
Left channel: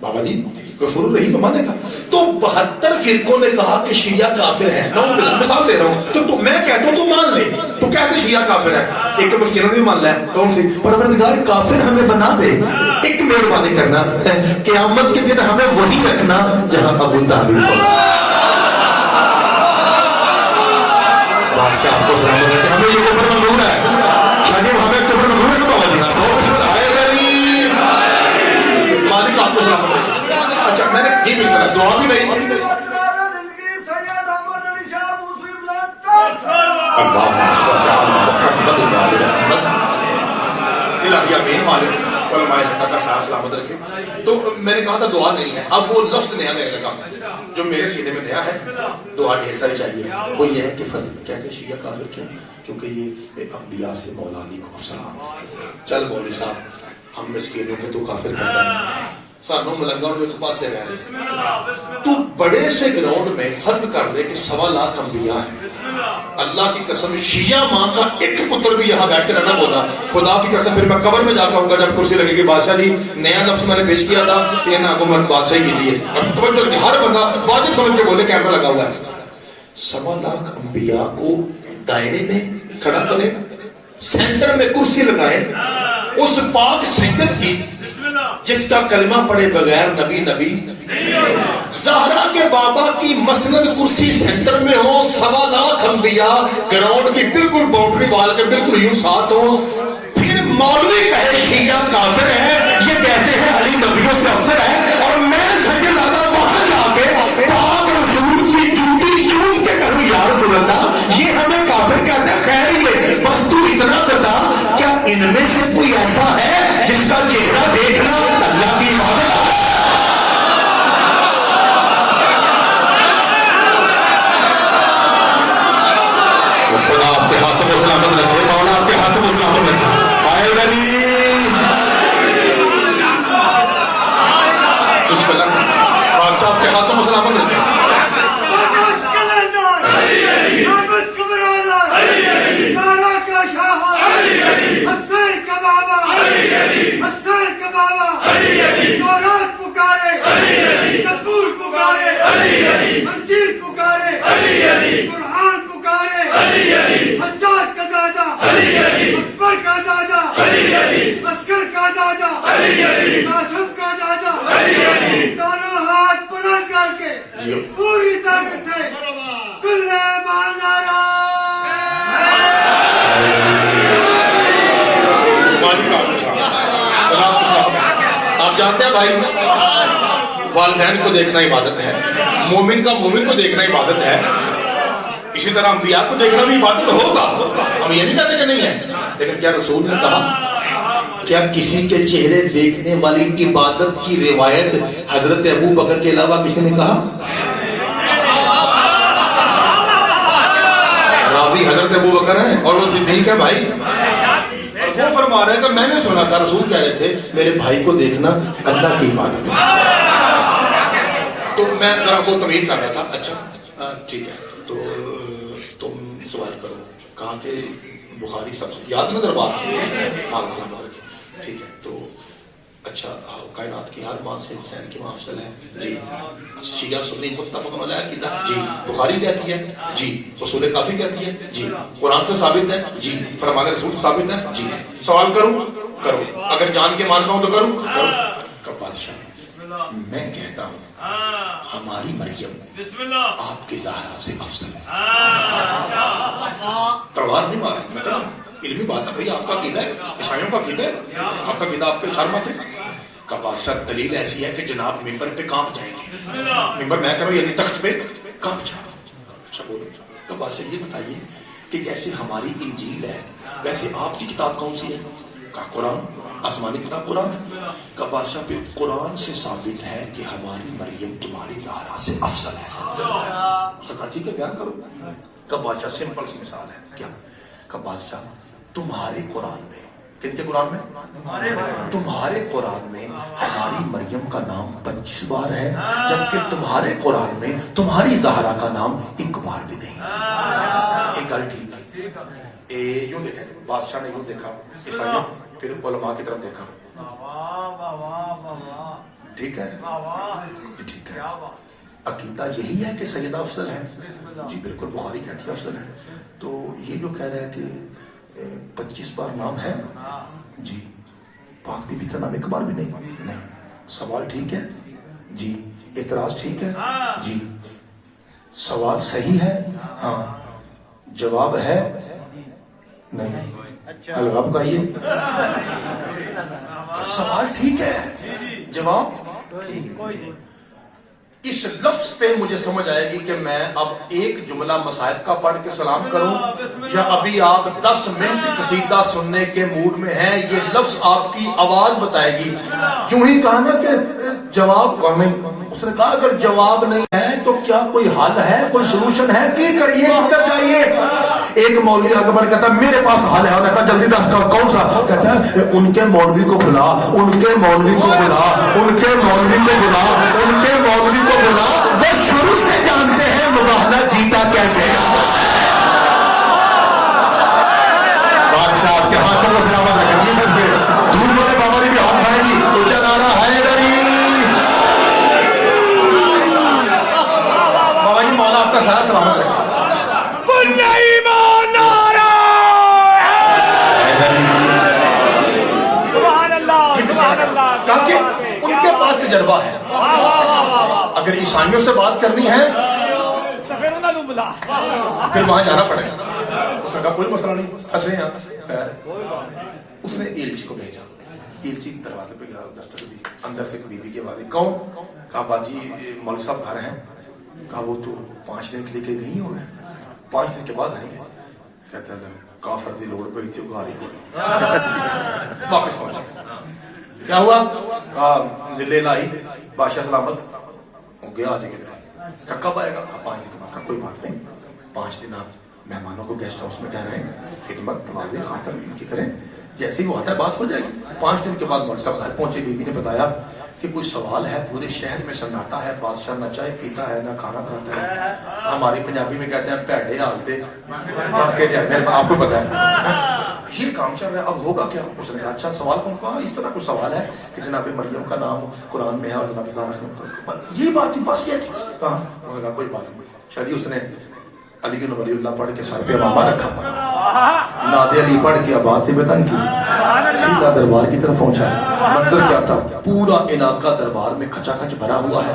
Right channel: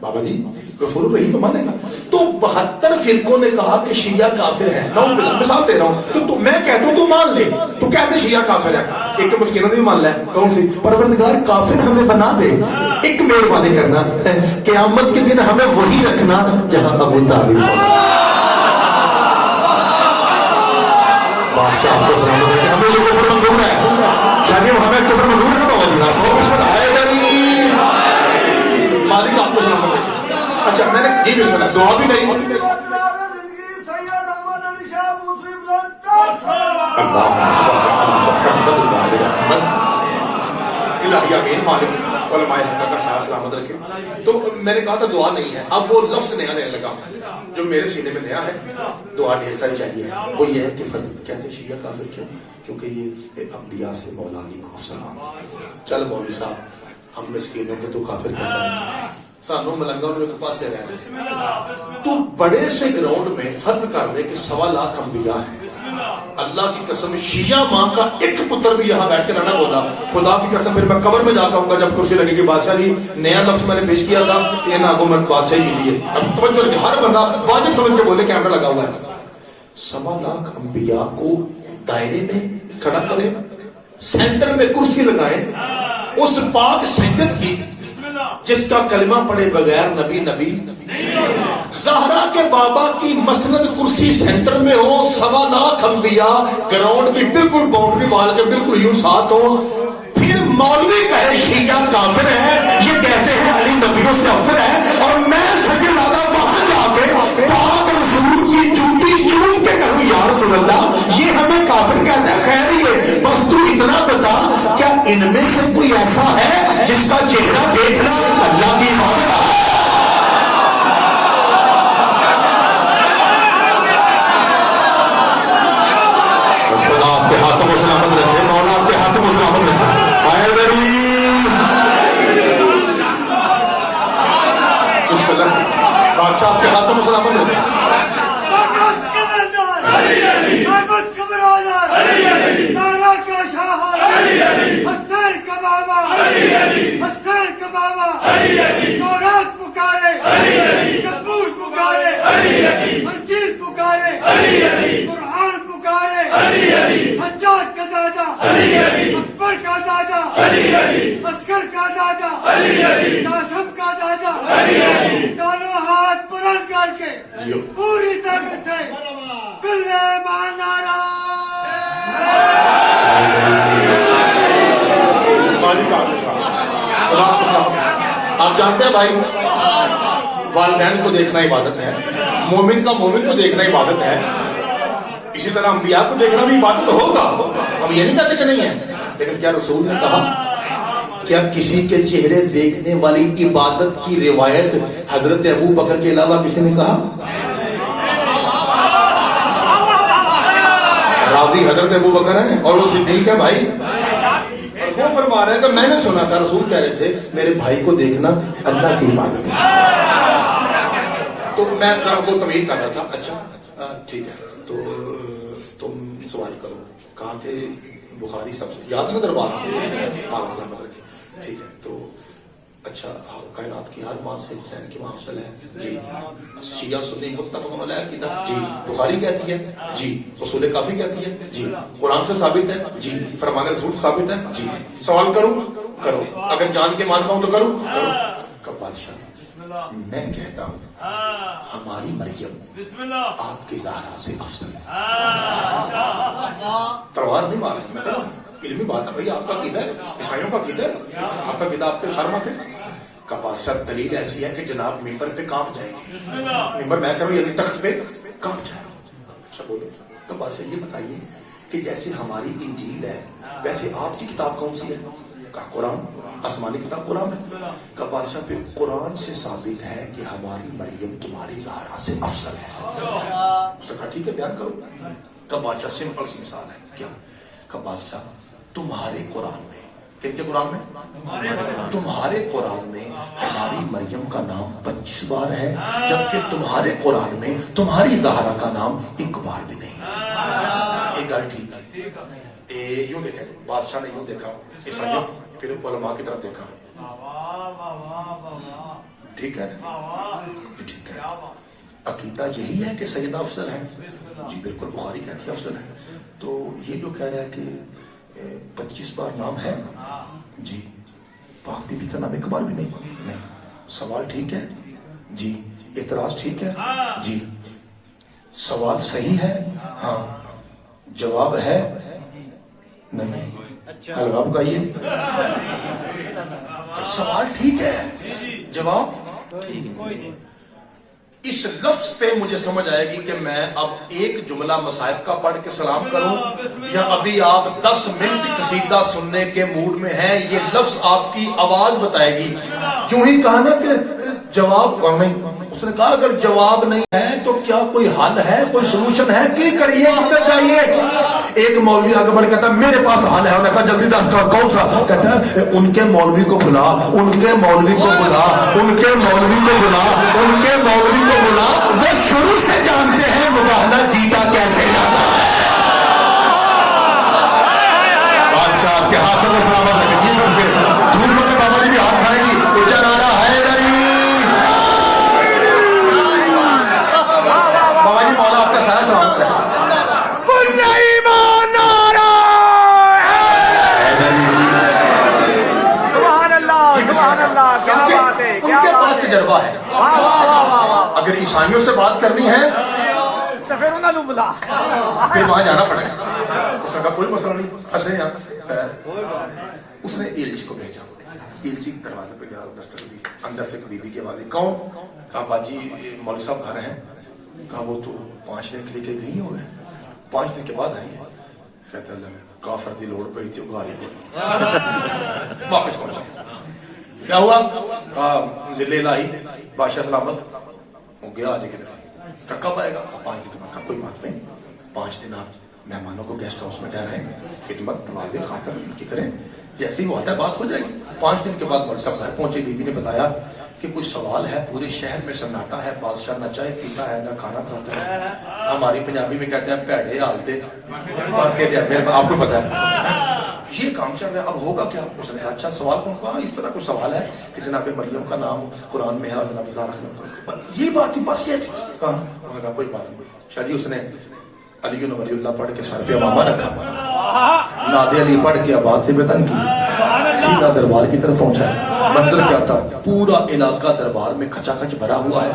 بابا جی، غفور الرحیم مانے گا۔ تو 72 فرقوں نے کہا کہ شیعہ کافر ہے، مثال دے رہا ہوں، تو میں کہتا ہوں تو مان لے، تو کہتے شیعہ کافر ہے، ایک مسکینوں نے بھی مان لیا، کون سی؟ پروردگار کافر ہمیں بنا دے، ایک مہربانی کرنا، قیامت کے دن ہمیں وہی رکھنا جہاں ابو طالب ہوگا۔ سے آپ کو سلام کرتے ہیں، ہمیں یہ کفر منظور ہے، یعنی ہمیں کفر منظور ہے تو ہوگی گا، سو اس میں آئے گا نہیں، مالک آپ کو سلام کرتے ہیں۔ اچھا میں نے جی بسم اللہ، دعا بھی نہیں الہیہ بین مالک علماء حق کا سایہ سلامت رکھے. تو میں نے کہا تھا دعا نہیں ہے, اب وہ لفظ نیا نیا لگا جو میرے سینے میں نیا ہے. دعا ڈھیر ساری چاہیے. وہ یہ ہے کہ فرض کہتے ہیں شیعہ کافر کیوں؟ کیونکہ یہ انبیاء سے مولا علی کو سلام. چل مولوی صاحب ہم مسکینوں کو تو کافر کہتا ہے, سانوں ملنگوں میں تو پاسے رہ رہے. تو بڑے سے گراؤنڈ میں فرض کر رہے کہ 1.25 لاکھ انبیاء ہیں. اللہ کی قسم شیعہ ماں کا ایک پتر بھی یہاں بیٹھ کے رہنا بولا. خدا کی قسم پھر میں قبر میں جا کے آؤں گا جب کرسی لگے گی. بادشاہ جی نیا لفظ میں نے پیش کیا تھا, یہ نا کو مرد بادشاہی کی لیے. اب توجہ دیں, ہر بندہ واجب سمجھ کے بولے کیمرہ لگا ہوا ہے. 1.25 لاکھ انبیاء کو دائرے میں کھڑا کریں, سینٹر میں کرسی لگائیں, اس پاک سید کی جس کا کلمہ پڑھے بغیر نبی نبی, زہرا کے بابا کی مسند کرسی سینٹر میں ہو, 1.25 لاکھ انبیاء گراؤنڈ کی بالکل باؤنڈری وال کے بالکل یوں ساتھ ہو. پھر مولوی کہے شیعہ کافر ہے, یہ کہتے ہیں علی نبیوں سے افضل ہے, اور میں سب سے زیادہ وہاں جا کے پاک رسول کی جوتی چوم کے کہوں یا رسول اللہ یہ ہمیں کافر کہتا ہے. خیر یہ بس تو اتنا بتا, کیا ان میں سے کوئی ایسا ہے جس کا چہرہ دیکھنا اللہ کی عبادت ہے؟ خدا آپ کے ہاتھوں کو سلامت رکھے, مولا آپ کے ہاتھوں کو سلامت رکھے. بادشاہ آپ کے ہاتھوں کو سلامت رکھے. سجاد کا دادا, اکبر کا دادا, عسکر کا دادا, قاسم کا دادا, دونوں ہاتھ بلند کر کے پوری طاقت سے کل ایمان نعرہ. آپ جانتے ہیں بھائی, والدین کو دیکھنا عبادت ہے, مومن کا مومن کو دیکھنا عبادت ہے, اسی طرح انبیاء کو دیکھنا بھی عبادت ہوگا. ہم یہ نہیں کہتے کہ نہیں ہے, لیکن کیا رسول نے کہا کیا کسی کے چہرے دیکھنے والی عبادت کی روایت حضرت ابو بکر کے علاوہ کسی نے کہا؟ راوی حضرت ابو بکر ہیں اور وہ صدیق ہے بھائی. اور وہ فرما رہے ہیں کہ میں نے سنا تھا رسول کہہ رہے تھے میرے بھائی کو دیکھنا اللہ کی عبادت ہے. تو میں ذرا وہ تمیز کر رہا تھا. اچھا ٹھیک ہے, تو تم سوال کرو. کہاں کے بخاری سب سے یاد نہ دربار, ہاں سلامت رکھے. ٹھیک ہے, تو اچھا کائنات کی ہر مان سے حسین کی ماں افضل ہے جی. شیعہ سنی متفق علیہ عقیدہ جی. بخاری کہتی ہے جی. اصول کافی کہتی ہے جی. قرآن سے ثابت ہے جی. فرمان رسول ثابت ہے جی. سوال کروں کرو, اگر جان کے مان پاؤں تو کروں کرو. کب بادشاہ میں کہتا ہوں ہماری مریم آپ کی زہرا سے افضل ہے. تلوار نہیں مار رہا, میں کہا علمی بات ہے بھائی. آپ کا عقیدہ ہے, عیسائیوں کا عقیدہ ہے, آپ کا عقیدہ آپ کے سر مت ہے. کا بادشاہ دلیل ایسی ہے کہ جناب ممبر پہ کانپ جائیں گے. ممبر میں کروں یعنی تخت پہ کانپ جائیں گے. اچھا بولے تو بادشاہ یہ بتائیے کہ جیسے ہماری انجیل ہے ویسے آپ کی کتاب کون سی ہے؟ کا قرآن, آسمانی کتاب قرآن. کا بادشاہ پھر قرآن سے ثابت ہے کہ ہماری مریم تمہاری زہرا سے افضل ہے. ٹھیک ہے بیان کرو. کا بادشاہ سمپل سی مثال ہے کیا؟ کا بادشاہ تمہارے قرآن میں, کن کے قرآن میں؟ تمہارے قرآن میں ہماری مریم کا نام 25 بار ہے, جبکہ تمہارے قرآن میں تمہاری زہرا کا نام 1 بار بھی نہیں. ایک گل ٹھیک ہے. یوں دیکھیں, بادشاہ نے یوں دیکھا, عیسائیوں پھر علماء کی طرف دیکھا. ٹھیک ہے ٹھیک ہے. عقیدہ یہی ہے کہ سیدہ افضل ہے جی. بالکل بخاری کہتی ہے افضل ہے. تو یہ جو کہہ رہا ہے کہ 25 بار نام ہے جی, پاک بی بی کا نام 1 بار بھی نہیں. سوال ٹھیک ہے جی, اعتراض ٹھیک ہے جی, سوال صحیح ہے ہاں, جواب ہے نہیں. حلوہ بتائیے. سوال ٹھیک ہے, جواب اس لفظ پہ مجھے سمجھ آئے گی کہ میں اب ایک جملہ مصاحب کا پڑھ کے سلام کروں یا ابھی آپ 10 منٹ قصیدہ سننے کے موڈ میں ہیں. یہ لفظ آپ کی آواز بتائے گی. جو ہی کہا نا کہ جواب نہیں, اس نے کہا اگر جواب نہیں ہے تو کیا کوئی حل ہے, کوئی سولوشن ہے, کی کریے, کدھر جائیے. ایک مولوی آگے بڑھ کہتا ہے میرے پاس حل ہے. کہا جلدی دس کون سا؟ کہتا ہے ان کے مولوی کو بلا, ان کے مولوی کو بلا, ان کے مولوی کو بلا, ان کے مولوی کو بلا. وہ شروع سے جانتے ہیں مباہلہ جیتا کیسے جاتا ہے. بادشاہ آپ کے ہاتھوں میں سلامت رکھیں جی. سب کے دور میں بابا جی بھی ہاتھ کھائیں گی. اونچا نعرہ حیدری. بابا جی مولا آپ کا سایہ سلامت رکھیں. ان کے پاس تجربہ ہے. اگر عیسائیوں سے بات کرنی ہے پھر وہاں جانا پڑے گا. اس نے کہا کوئی مسئلہ نہیں, ایسے ہیں. اس نے ایلچی کو بھیجا. ایلچی دروازے پہ گیا, دستک دی. اندر سے بی بی کی آواز. کون؟ کہا باجی مولوی صاحب گھر ہیں. کہا وہ تو 5 دن کے لیے گئی ہو گئے, 5 دن کے بعد آئیں گے. کہتے ہیں کافر دی لوڑ پہ تھی ادھاری کو واپس پہنچا. کیا ہوا؟ کہا ضلع لائی بادشاہ سلامت ہو گیا. آج کدھر ہے؟ کب آئے گا؟ 5 دن کے بعد. کوئی بات نہیں, 5 دن آپ مہمانوں کو گیسٹ ہاؤس میں ٹھہرائیں, خدمت نوازے خاطر ان کی کریں. جیسے ہی وہ آتا ہے بات ہو جائے گی. 5 دن کے بعد مولوی صاحب گھر پہنچے. بی بی نے بتایا کہ کوئی سوال ہے, پورے شہر میں سناٹا ہے, بادشاہ نہ چائے پیتا ہے نہ کھانا کھاتا ہے. ہماری پنجابی میں کہتے ہیں پیڑے حالتے. آپ کو پتا ہے یہ کام چل رہا ہے, اب ہوگا کیا؟ اس نے کہا اچھا سوال کون کہا؟ اس طرح کوئی سوال ہے کہ جناب مریم کا نام قرآن میں ہے اور جناب زہرا, یہ بات تھی, بس یہ تھی. کہا کوئی بات نہیں. شادی اس نے علی ولی اللہ پڑھ کے سر پہ امامہ رکھا, ناد علی پڑھ کے آباد وطن کی, سیدھا دربار کی طرف پہنچا. منظر کیا تھا؟ پورا علاقہ دربار میں کھچا کھچ بھرا ہوا ہے.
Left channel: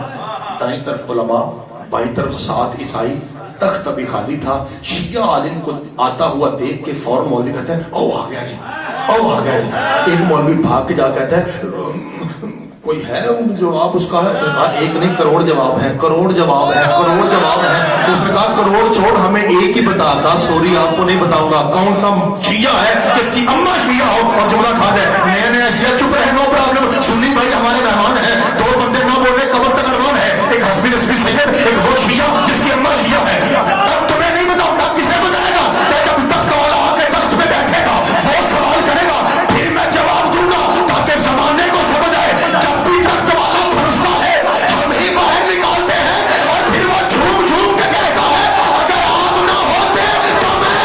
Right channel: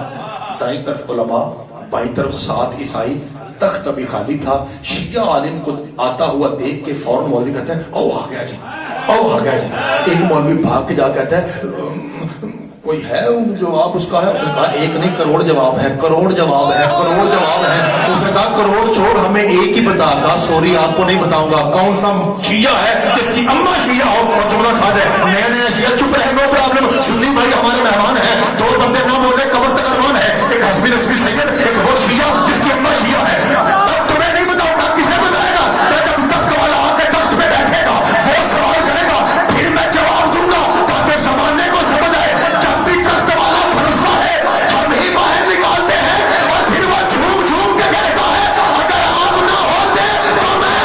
دائیں طرف علماء, بائیں طرف 7 عیسائی. تخت ابھی خالی تھا. شیعہ عالم کو آتا ہوا دیکھ کے فوراً مولوی کہتے ہیں او آ گیا جی, او آ گیا جی. ایک مولوی بھاگ کے جا کہتا ہے کوئی ہے جواب اس کا ہے؟ اس نے کہا ایک نہیں کروڑ جواب ہے, کروڑ جواب ہے, کروڑ جواب ہے. اس نے کہا کروڑ چھوڑ, ہمیں ایک ہی بتا کا, سوری آپ کو نہیں بتاؤں گا. کون سا شیعہ ہے جس کی اماں شیعہ ہو اور جمعہ کھا دے؟ نیا نیا شیعہ. چپ رہے گا پرابلم. سنی بھائی ہمارے مہمان ہیں, 2 بندے نہ بول رہے, قبر تک ارمان ہے. ایک حسبی نسبی سید, ایک وہ شیعہ جس کی اماں شیعہ ہے. اب تمہیں نہیں بتاؤں گا, کسے بتائے گا؟ جب تخت والا آ کے تخت پہ بیٹھے گا, وہ سوال کرے گا, پھر میں جواب دوں گا تاکہ زمانے کو سمجھ آئے. جب بھی تخت والا پھنستا ہے ہم ہی باہر نکالتے ہیں, اور پھر وہ جھوم جھوم کے کہتا ہے اگر آپ نہ ہوتے تو میں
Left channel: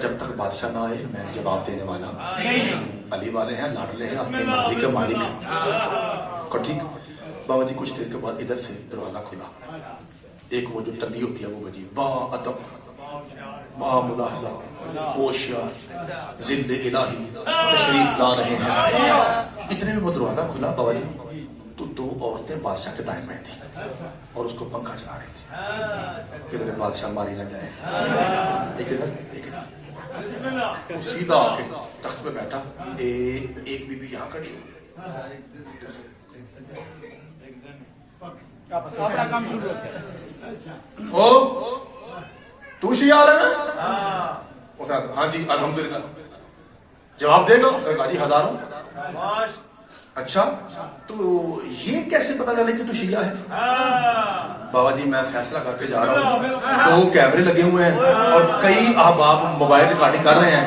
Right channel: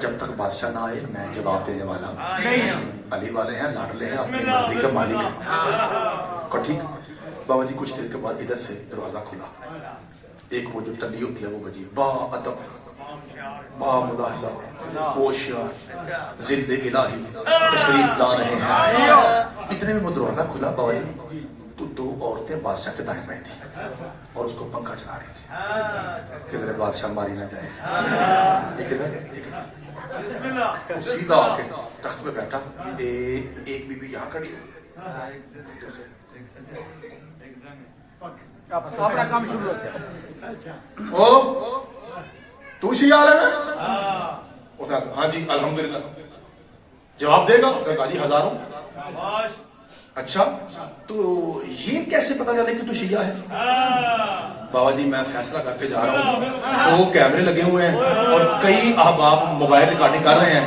جب تک بادشاہ نہ آئے میں جواب دینے والا ہوں. علی والے ہیں, لاڈلے ہیں, اپنے مرضی کے مالک ہیں. اور ٹھیک بابا جی کچھ دیر کے بعد ادھر سے دروازہ کھلا. ایک وہ جو ٹلی ہوتی ہے وہ بجی, با ادب, با ملاحظہ, ہوشیار, ضد الہی تشریف لا رہے ہیں. اتنے میں وہ دروازہ کھلا. بابا جی تو 2 عورتیں بادشاہ کے دائیں میں تھی اور اس کو پنکھا چلا رہی تھی. کدھر بادشاہ ماری نہ جائے. ایک ادھر ایک ادھر. سیدھا آ کے تخت پہ بیٹھا. ایک بی بی یہاں کھڑی, اپنا کام شروع کیا. او تو شیعہ عالم ہے؟ اس نے ہاں جی الحمدللہ. جواب دے گا؟ اس نے کہا جی ہزاروں. اچھا تو یہ کیسے پتا چلا کہ تو شیعہ ہے؟ بابا جی میں فیصلہ کر کے جا رہا ہوں, 2 کیمرے لگے ہوئے ہیں اور کئی احباب موبائل ریکارڈنگ کر رہے ہیں.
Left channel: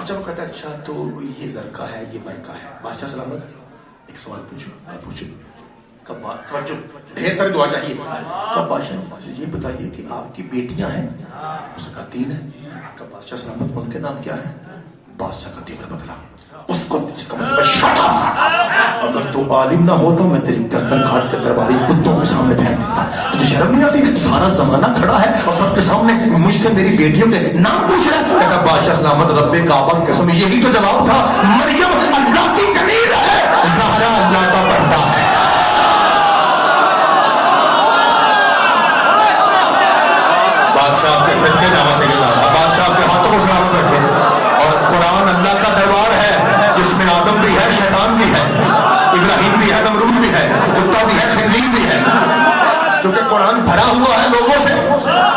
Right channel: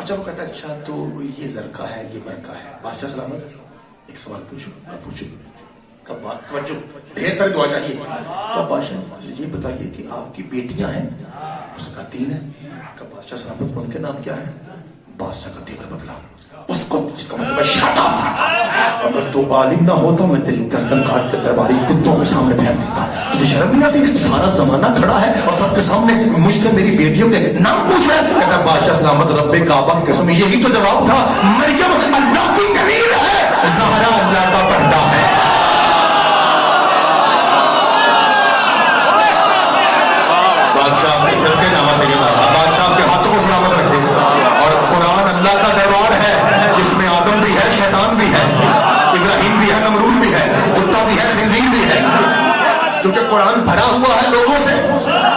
اچھا وہ کہتا ہے اچھا تو یہ زرقہ ہے یہ برقہ ہے. بادشاہ سلامت ایک سوال پوچھو کب پوچھو کب توجہ ڈھیر ساری دعا چاہیے. کب بادشاہ یہ بتائیے کہ آپ کی بیٹیاں ہیں؟ اس کا 3 ہے. کب بادشاہ سلامت ان کے نام کیا ہے؟ بادشاہ کا تیرا بدلا اس کو جس کا مطلب شاہ اگر تو عالم نہ ہوتا میں تیری گردن کاٹ کے درباری کتوں کے سامنے پھینک دیتا. تجھے شرم نہیں آتی؟ سارا زمانہ کھڑا ہے اور سب کے سامنے مجھ سے میری بیٹیوں کے نام پوچھ رہا ہے. کہتا بادشاہ سلامت رب کعبہ کی قسم یہی تو جواب تھا. مریم اللہ کی کنیز ہے, زہرا اللہ کا پردہ ہے. بادشاہ کے سر کے نماز بادشاہ کے ہاتھوں کو سلامت رکھے. اور قرآن اللہ کا دربار ہے جس میں آدم بھی ہے, شیطان بھی ہے, ابراہیم بھی ہے, نمرود بھی ہے, کتا بھی ہے, خنزیر بھی ہے, کیونکہ قرآن بھرا ہوا ہے لوگوں سے.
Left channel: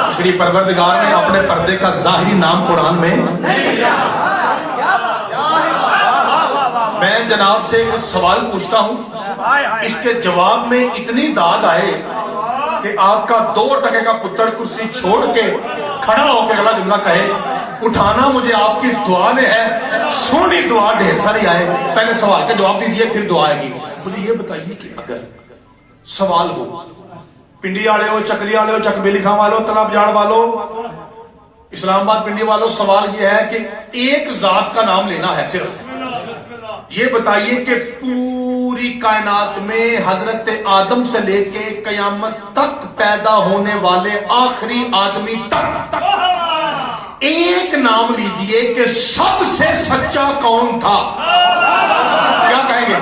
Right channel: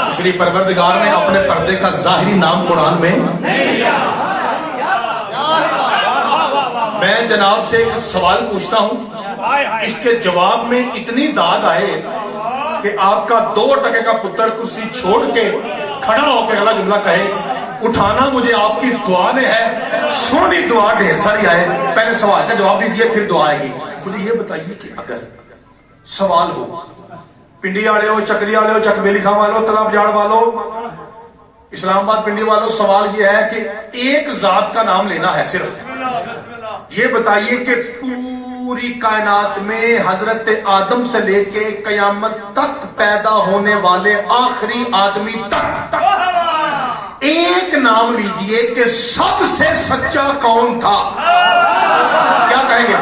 اس لیے پروردگار نے اپنے پردے کا ظاہری نام قرآن میں. میں جناب سے ایک سوال پوچھتا ہوں, اس کے جواب میں اتنی داد آئے کہ آپ کا 2 ٹکے کا پتر کرسی چھوڑ کے کھڑا ہو کے اگلا جملہ کہے اٹھانا مجھے آپ کی دعا نے ہے. سونی دعا ڈھیر ساری آئے. پہلے سوال کا جواب دیجیے پھر دعا آئے گی. مجھے یہ بتائیے کہ اگر سوال ہو, پنڈی والے ہو, چکری والے ہو, چک بیلی خاں والو, تلاب جاڑ والو, اسلام آباد پنڈی والو, سوال یہ ہے کہ ایک ذات کا نام لینا ہے صرف. یہ بتائیے کہ پوری کائنات میں حضرت آدم سے لے کے قیامت تک پیدا ہونے والے آخری آدمی تک ایک نام لیجئے کہ سب سے سچا کون تھا. کیا کہیں گے؟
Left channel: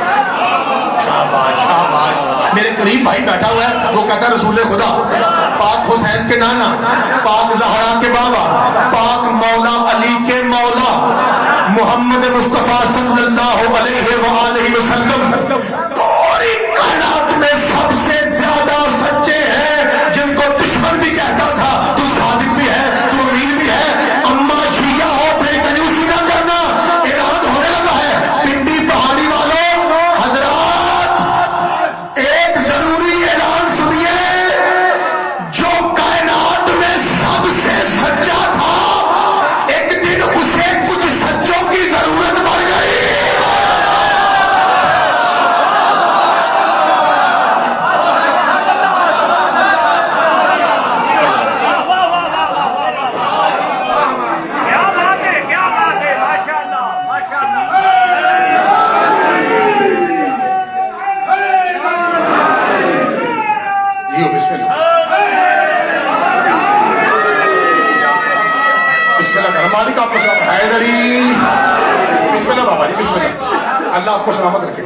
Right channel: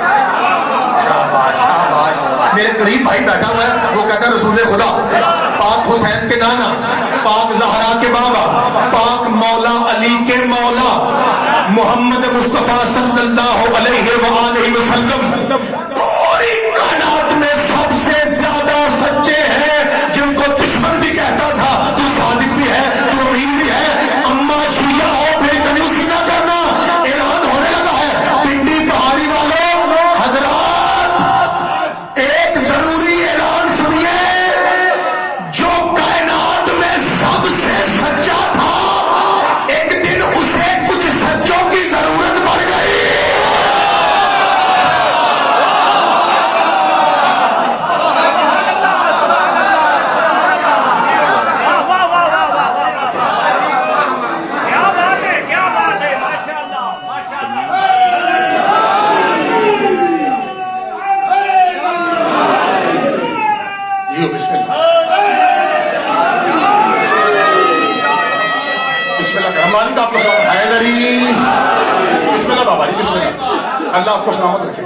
شاباش شاباش. میرے قریب بھائی بیٹھا ہوا ہے, وہ کہتا ہے رسول خدا, پاک حسین کے نانا, پاک زہرا کے بابا, پاک مولا علی کے مولا محمد مصطفیٰ صلی اللہ علیہ وآلہ وسلم پوری کائنات میں سب سے زیادہ سچے ہیں, جن کو دشمن بھی کہتا تھا تو صادق بھی ہے, تو امین بھی ہے. اما شیعہ ہو بے کنیوسی نہ کرنا, اعلان ہونے لگا ہے. پنڈی پہاڑی والوں حضرات ایک ضروری اعلان سنیے, جو کائنات میں سب سے سچا تھا ایک دن اسے کچھ سچوں کی ضرورت پڑ گئی. اللہ آپ کو سلامت رکھے.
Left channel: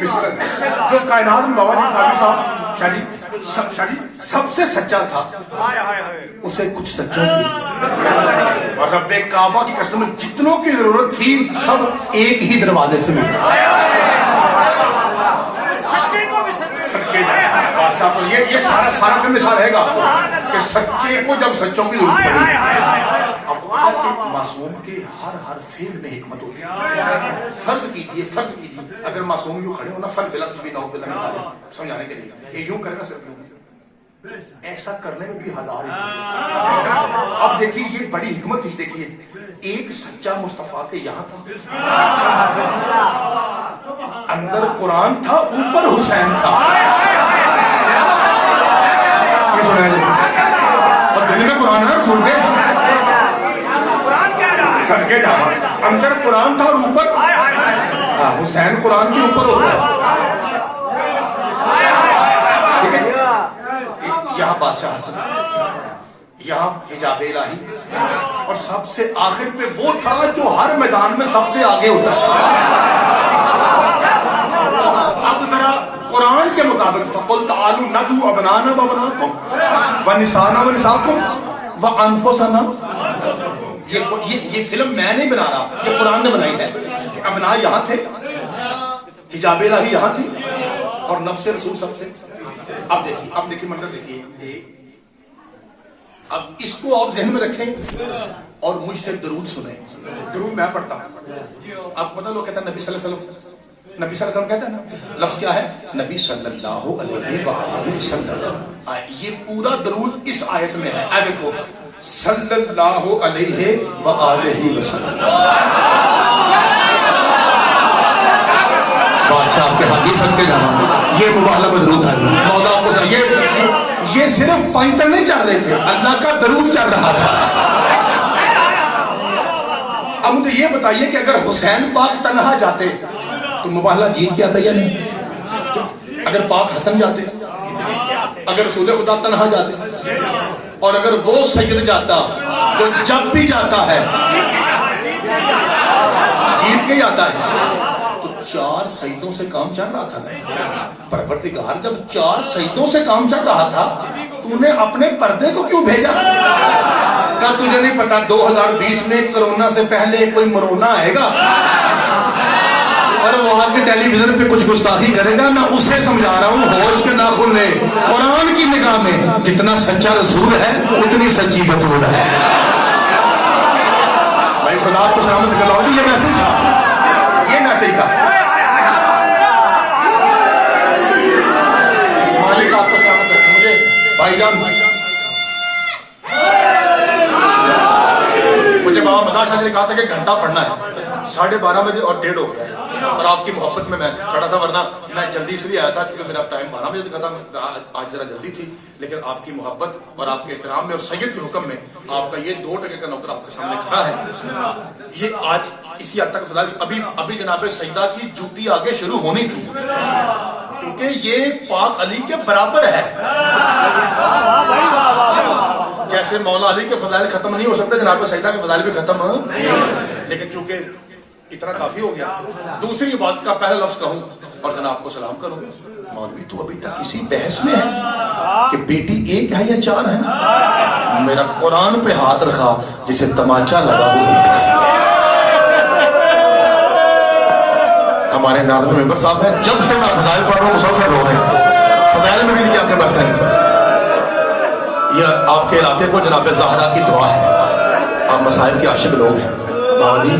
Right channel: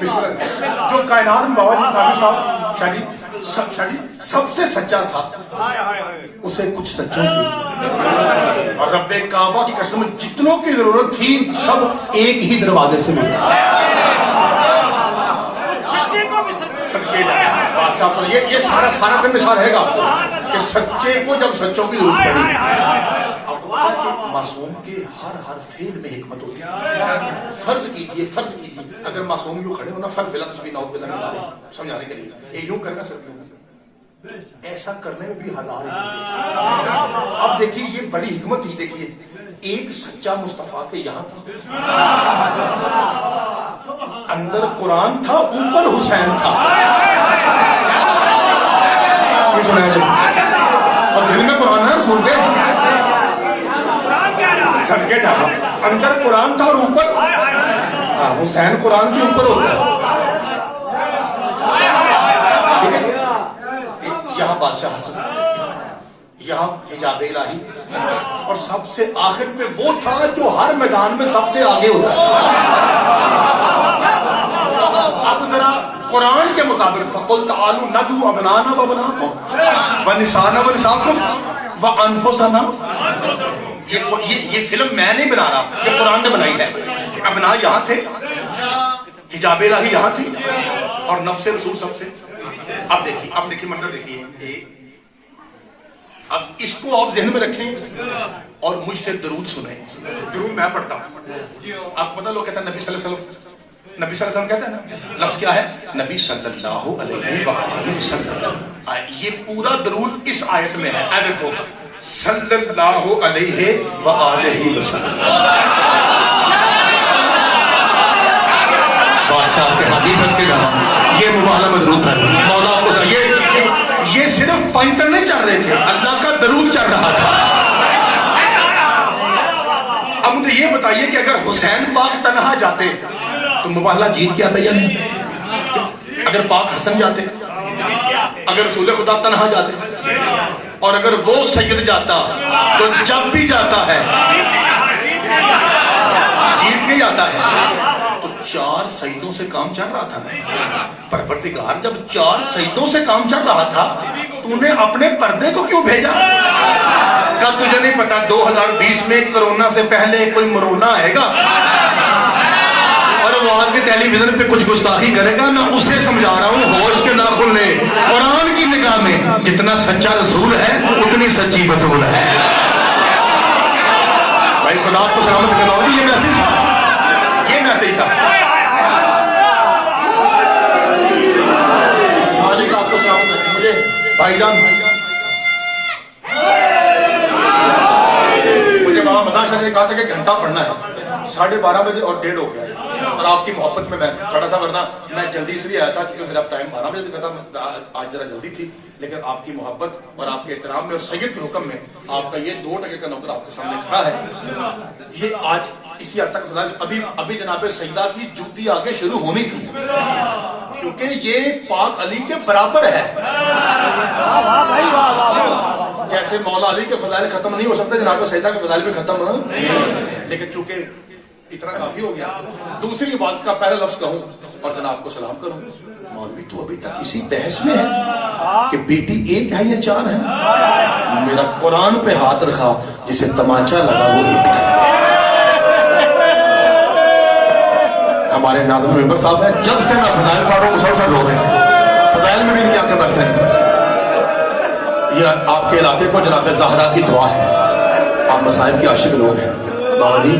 بسم اللہ. جو کائنات میں بابا جی قاضی صاحب شاہ جی سب سے سچا تھا, اسے کچھ سچوں کی اور رب کعبہ کی قسم جتنوں کی ضرورت تھی سب ایک ہی دروازے سے ملے. یہ سارا دن مثال رہے گا آپ کو کہ سچے کو جب سچوں کی ضرورت پڑی. معصوم کے ہر فعل میں حکمت ہوتی ہے. فرض کیجیے اگر معصوم یوں کھڑے ہونا فرض بلا تشبیہ نہ ہو سمجھانے کے لیے یہ یوں کرنا سر ایسا کرنے میں بھی ہزار. اب دیکھیے یہ بڑی حکمت ہی. دیکھیے ایک سچا مصطفیٰ کے یہاں تھا, اندر قرآن تھا, اوپر حسین تھا. دل میں قرآن ہے سن کے سڑکے جا رہا, اندر قرآن تھا اور اوپر حسین قرآن کے اوپر ہوتا ہے. یہاں بادشاہ حسن, یہاں حجاب الہی, اور سب سے آخر پہ وہ تھا جو ہر میدان میں سب سے آگے ہوتا ہے. اب ذرا قرآن کے مطابق فَقُلْ تَعَالُوا نَدْعُوا أَبْنَاءَنَا وَأَبْنَاءَكُمْ وَنِسَاءَنَا وَنِسَاءَكُمْ وَأَنفُسَنَا. یہ فلم میں نہیں بنا رہا, یہ قرآن نے بنائی ہے. ابنا یہاں تھے, حجاب الہی یہاں تھی, اور نفس رسول سب سے. اب دیکھیے منظر دیکھیے. اب اس کو آپ ذہن میں رکھیں اور مجھ سے درود سنیں. درود میں پڑھتا ہوں. آپ پتہ لوگ کہتے ہیں نبی صلی اللہ علیہ وسلم, نبی صلی اللہ علیہ وسلم کہتے ہیں نا, لفظ کیا ہے نبی صلی اللہ علیہ وسلم. یہ پورا درود اس آیت میں ہے. دیکھو صلی اللہ علیہ وآلہ وسلم. بادشاہ کے حدیث کے جہاں یہ مبالغہ مدرود ہے. مولا کو یہ صرف پنٹن نہیں چل رہے تھے, اللہ کا درود چل رہا تھا. اب مجھے یہ بتائیے کہ اگر حسین پاک تنہا جاتے تو مبالغہ جیت کے آتا یا نہیں؟ اگر پاک حسن جاتے, اگر رسول خدا تنہا جاتے, اور اگر وہ سید جاتا جو جب بھی جاتا ہے جیت کے آتا ہے, تو 4 سیدوں سے کام چل رہا تھا. پروردگار جب 4 سیدوں سے کام چل رہا تھا تو نے اپنے پردے کو کیوں بھیجا؟ کیا تجھے نہیں پتا 2020 میں کرونا سے پہلے کوئی مرونا آئے گا اور وہ آ کے ٹیلی ویژن پہ کچھ گستاخی کرے گا؟ میں اسے سمجھا رہا ہوں ہوش کے ناخن میں قرآن کی نگاہ میں جتنا سچا رسول ہے اتنی سچی بطول ہے. بھائی خدا آپ کو سلامت کرواؤں. یہ میسج تھا, یہ میسج تھا. مالک آپ کو سلامت رکھیں. مجھے بھائی جان مجھے بابا مداح شاہ نے کہا تھا کہ گھنٹہ پڑھنا ہے, 12:30 بجے اور 1:30 ہو گیا, اور آپ کی محبت میں کھڑا تھا, ورنہ میں جلدی اس لیے آیا تھا کیونکہ میرا ٹائم 12 بجے کا تھا, آج ذرا جلدی تھی. لیکن آپ کی محبت اور آپ کے احترام میں اور سید کے حکم میں آپ کا یہ 2% کا نوکر آپ کے سامنے کھڑا ہے. یہ آج اسی حد تک ابھی جناب سیدہ کی جوتی آگے شروع ہونی تھی, کیونکہ یہ پاک علی کے برابر ہے. جیسے مولا علی کے فضائل ختم نہیں ہو سکتے, جناب سیدہ کے فضائل بھی ختم ہو, لیکن چونکہ اتنا کافی ہو گیا. دوسری بات کا پہلا لفظ کہوں اور جناب کو سلام کروں. مولوی تو ابھی تک اسی بحث میں ہے کہ بیٹی 1 ہے یا 4 ہے. میرا قرآن پہ ہاتھ رکھا جسے تماچا لگا وہ ہمارے ناظم ممبر صاحب ہیں. جب سے میں فضائل پڑھ رہا ہوں مسلسل رو رہے ہیں. فضائل میں بھی کیا کر برس رہے ہیں. یہ آپ کے علاقے کو جناب زہرا کی دعا ہے. آپ مسائل کے عاشق لوگ ہیں. بابا جی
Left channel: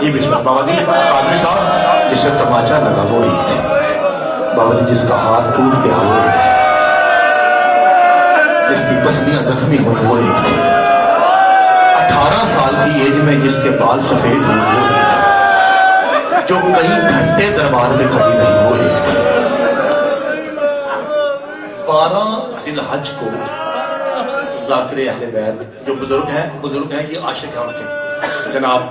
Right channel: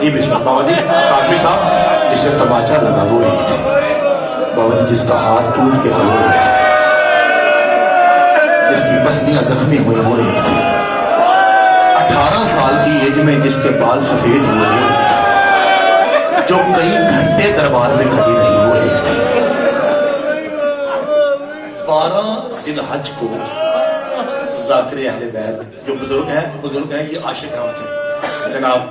جی بسم اللہ. بابا جی آدمی صاحب جسے تماچا لگا وہ ایک تھے. بابا جی جس کا ہاتھ ٹوٹ گیا وہ ایک تھے. جس کی پسلیاں زخمی ہوئے وہ ایک تھے. 18 سال کی ایج میں جس کے بال سفید ہوئے وہ ایک تھے. جو کئی گھنٹے دربار میں کھڑی رہی وہ ایک تھی. 12 ذی الحج کو ذاکر اہل بیت جو بزرگ ہیں یہ عاشق ہیں ان کے. جناب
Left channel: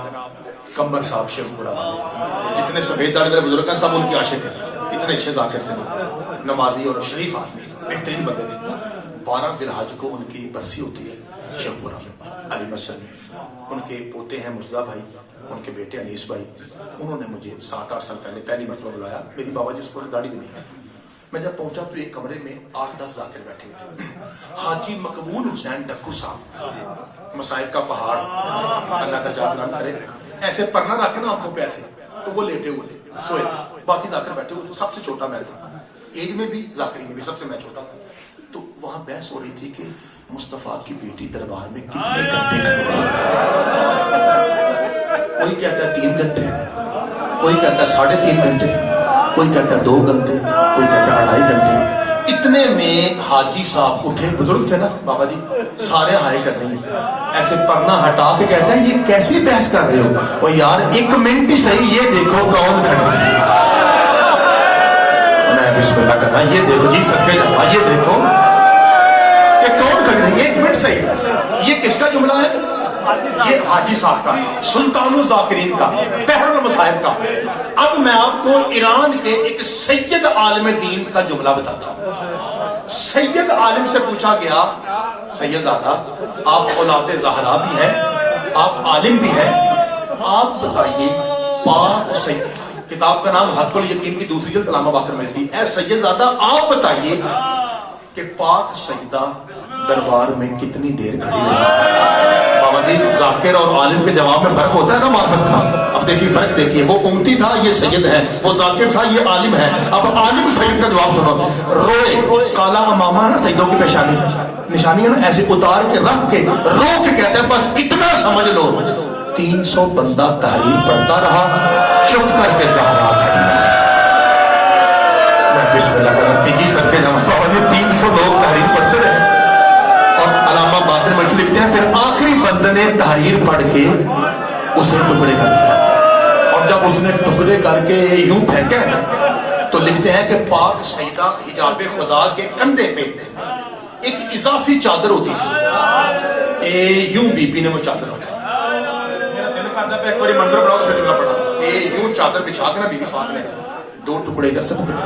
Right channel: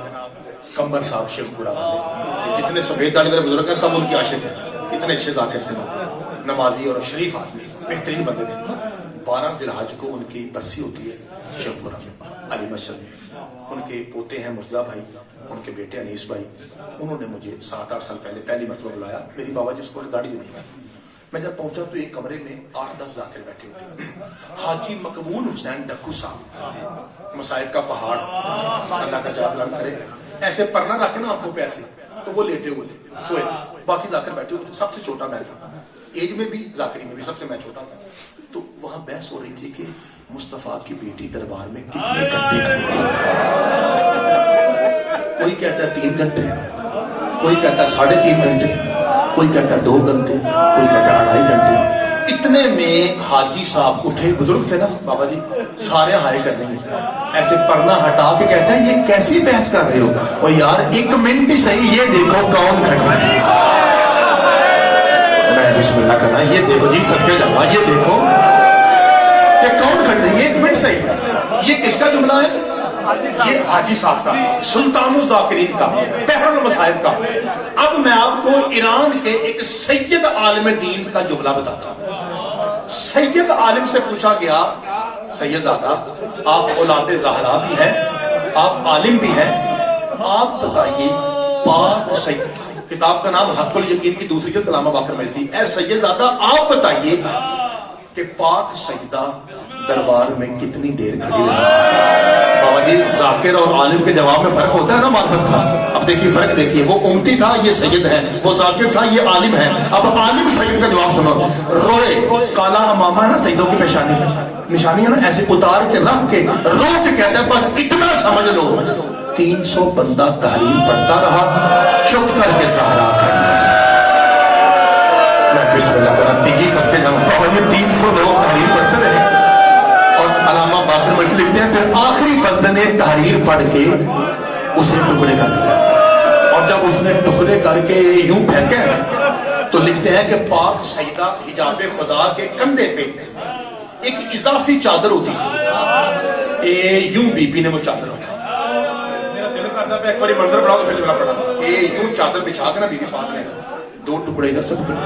کمبر صاحب شیخ پورا والے جتنے سفید داڑھی والے بزرگ ہیں سب ان کے عاشق ہیں. اتنے اچھے ذاکر تھے, نمازی اور شریف آدمی, بہترین بندے تھے. 12 ذی الحج کو ان کی برسی ہوتی ہے شیخ پورا میں علی مسجد میں. ان کے پوتے ہیں مرزا بھائی, ان کے بیٹے انیس بھائی. انہوں نے مجھے 7-8 سال پہلے پہلی مرتبہ بلایا. میری بابا جی اس کو داڑھی بھی نہیں ہے. میں جب پہنچا تو ایک کمرے میں 8-10 ذاکر بیٹھے ہوتے. حاجی مقبول حسین ڈکو صاحب, مسائب کا پہاڑ, اللہ کا جاب نام کرے, ایسے پرنا رکھے نا آنکھوں پہ ایسے, تو وہ لیٹے ہوئے تھے, سوئے تھے. باقی ذاکر بیٹھے ہوئے تھے. سب سے چھوٹا میں تھا, ایج میں بھی ذاکری میں بھی سب سے میں چھوٹا تھا. تو وہاں بحث ہو رہی تھی کہ مصطفیٰ کی بیٹی دربار میں کتنے گھنٹے لگے. کوئی کہتا ہے 3 گھنٹے, کوئی کہتا ہے 3.5 گھنٹے, کوئی کہتا ہے 2 گھنٹے, کوئی کہتا ہے 2.5 گھنٹے. اتنے میں حاجی صاحب اٹھے, بزرگ تھے نا بابا جی, سارے ہائے کرنے ہیں, ایسے پرنا ہٹا کے کہتے ہیں یہ کیسی بحث کر رہے ہو, اور یار 1 منٹ ہی صحیح, یہ دیکھو کون کھڑا ہے. میں بسم اللہ کرنا, یہ دیکھو جی سب کے جمع, یہ دیکھو کہ کون کھڑا ہے, 1 منٹ صحیح. یہ کس کا جملہ ہے؟ یہ حاجی صاحب کا, سلطان الذاکرین کا, بحر المصائب کا. اب میں آپ کو ایران کے ایک سید عالم دین کا جملہ بتاتا ہوں. سید عالم سے پوچھا گیا, سید دادا آپ اولاد زہرا بھی ہیں, آپ عالم بھی ہیں, آپ بتائیے پاک سید, کتاب کا نام حق الیقین کی دوسری جلد علامہ باقر میسی. اے سید دادا آپ بتائیے کہ پاک سیدہ دربار میں کتنی دیر کھڑی رہی. بابا جی ذاکر اور عالم کے جواب میں فرق ہوتا ہے نا معرفت کا. اب دیکھیے فرق دیکھیے, وہ امتی تھا یہ سید ہے, وہ ذاکر تھا یہ عالم ہے. اب عالم سید کا جواب سنو. روئے کالا امامہ نا سیدوں کی پیشانی نشانی ہے نا, ایسے اتار کے رکھ کے رو کے کہتے ہیں بس اتنا سمجھ لو 300 بندہ تحریر پڑھتا رہا, چپ کر کے زہرا کھڑی رہی. میں بسم اللہ کرم تیجی سر کے جمع بابا جی 300 لوگ تحریر پڑھتے رہے. اور علامہ باقر مرشد لکھتے ہیں پھر آخر نے تحریر پڑھ کے اسے ٹکڑے کر دیا، اور جب اس نے ٹکڑے کر کے یوں پھینکے تو لکھتے ہیں کہ پاک سیدہ حجاب خدا کے کندھے پہ ایک اضافی چادر ہوتی تھی، یوں بی بی نے وہ چادر بنائی. میرا دل کرتا پہ ایک بار منظر بناؤ پھر جملہ پڑھا. یوں چادر بچھا کے نا بی بی پاک نے 2 ٹکڑے ادھر سے پکڑے.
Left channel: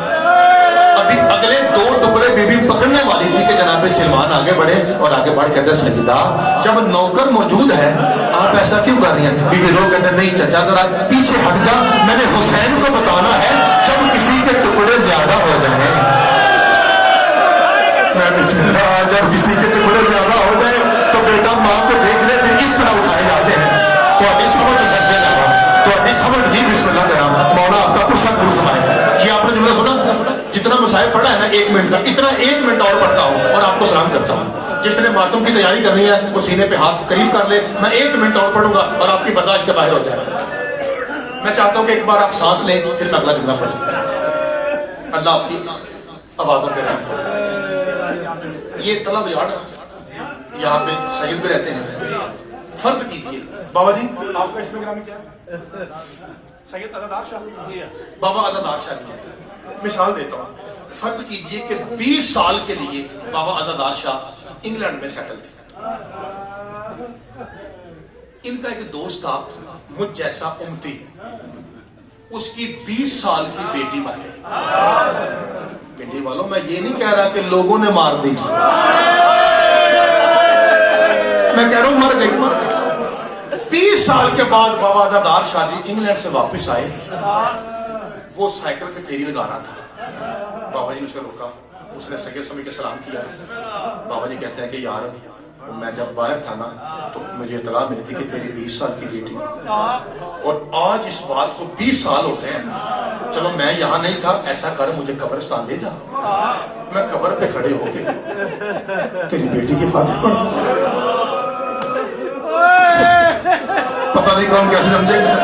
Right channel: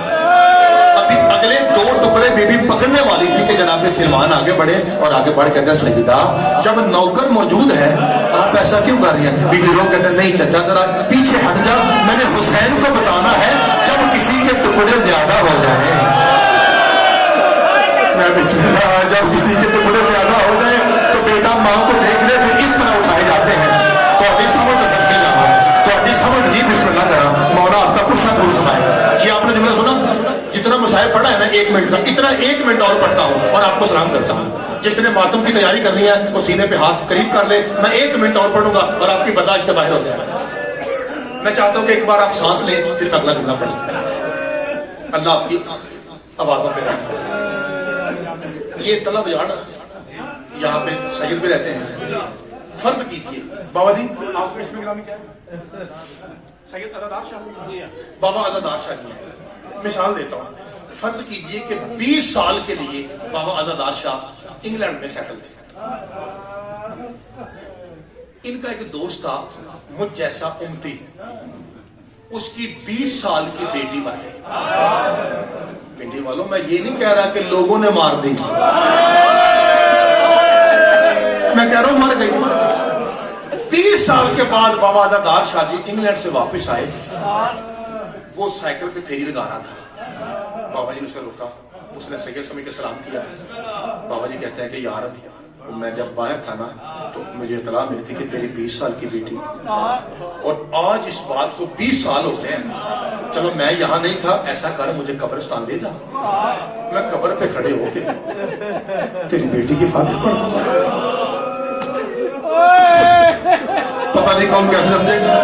ابھی اگلے 2 ٹکڑے بی بی پکڑنے والی تھی کہ جناب سلمان آگے بڑھے اور آگے بڑھ کہتے ہیں سیدہ جب نوکر موجود ہے آپ ایسا کیوں کر رہی ہیں؟ بی بی رو کہتے ہیں نہیں چچا ذرا پیچھے ہٹ جا، میں نے حسین کو بتانا ہے جب کسی کے ٹکڑے زیادہ ہو جائیں، بسم اللہ، جب کسی کے ٹکڑے زیادہ ہو جائیں تو بیٹا ماں کو دیکھ لے پھر اس طرح اٹھائے جاتے ہیں. تو ابھی سمجھ سکتے ہیں، تو ابھی سمجھ نہیں. بسم اللہ کرا مولا آپ کا کچھ نہ پوچھ پائے. یہ آپ نے جملہ سنا؟ جتنا مصائب پڑھا ہے نا 1 منٹ کا، اتنا 1 منٹ اور پڑھتا ہوں اور آپ کو سلام کرتا ہوں. جس نے ماتم کی تیاری کرنی ہے وہ سینے پہ ہاتھ قریب کر لے، میں 1 منٹ اور پڑھوں گا اور آپ کی برداشت سے باہر ہو جائے گا. میں چاہتا ہوں کہ ایک بار آپ سانس لیں پھر میں اگلا جملہ پڑھوں. اللہ آپ کی آوازوں پہ رحم فرمائے. یہ طلب یار یہاں پہ سید بھی رہتے ہیں. فرض کیجئے بابا جی آپ کا اسم گرامی کیا ہے؟ سید عزادار شاہ. بابا عزادار شاہ جی ہیں. مثال دیتا ہوں، فرض کیجئے کہ 20 سال کے لیے بابا عزادار شاہ انگلینڈ میں سیٹل تھے. ان کا ایک دوست تھا مجھ جیسا امتی، اس کی 20 سال کی بیٹی مر گئی. پنڈی والوں میں یہ نہیں کہہ رہا کہ لوگوں نے مار دی، میں کہہ رہا ہوں مر گئی. 20 سال کے بعد بابا عزادار شاہ جی انگلینڈ سے واپس آئے. وہ سائیکل پہ پھیری لگا رہا تھا. بابا جی نے اسے روکا، اس نے سگے سمجھ کے سلام کیا. بابا جی کہتے ہیں کہ یار میں جب باہر تھا نا تو مجھے اطلاع ملتی کہ تیری 20 سال کی بیٹی، اور آج اس بات کو 20 سال ہوتے ہیں. چلو میں یہاں نہیں تھا، ایسا کر مجھے قبرستان لے جا، میں قبر پہ کھڑے ہو کے تیری بیٹی کی فاتح پتہ نہیں کون کیسے سمجھے گا.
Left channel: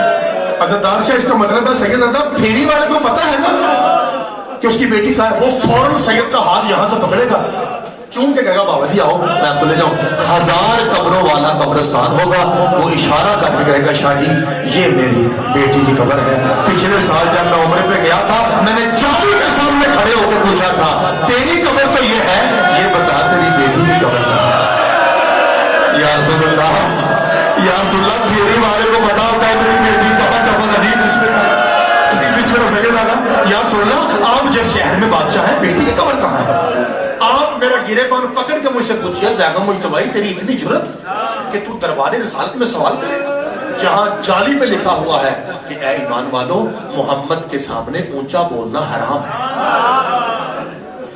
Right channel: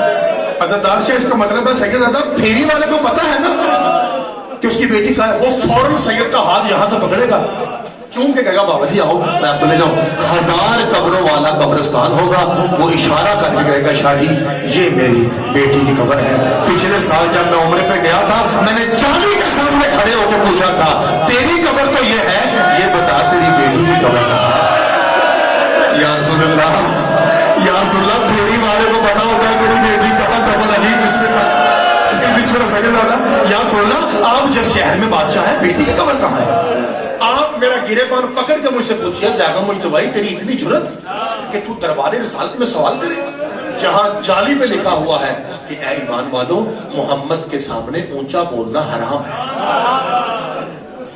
عزادار شاہ اس کا مطلب ہے سید زادہ پھیری والے کو پتہ ہے نا کہ اس کی بیٹی کا ہے، وہ فوراً سید کا ہاتھ یہاں سے پکڑے گا، چون کے کہے گا بابا جی آؤ میں آپ کو لے جاؤں. 1000 قبروں والا قبرستان ہوگا. وہ اشارہ کر کے کہے گا شاہ جی یہ میری بیٹی کی قبر ہے. پچھلے سال جب میں عمرے پہ گیا تھا میں نے جالی کے سامنے کھڑے ہو کے پوچھا تھا تیری قبر تو یہ ہے، یہ بتا تیری بیٹی کی قبر کہاں ہے؟ یا رسول اللہ، یا رسول اللہ، پھیری والے کو پتا ہوتا ہے میری بیٹی کہاں دفن ہے. بسم اللہ سید زادہ، یا رسول اللہ آپ جس شہر میں بادشاہ ہیں بیٹی کی قبر کہاں ہے؟ آپ میرا گرے پان پکڑ کے مجھ سے پوچھئے زیادہ مجتبی تیری اتنی جرت کہ تو دربار رسالت میں سوال کرے جہاں جالی پہ لکھا ہوا ہے کہ اے ایمان والو محمد کے سامنے اونچا بولنا حرام ہے.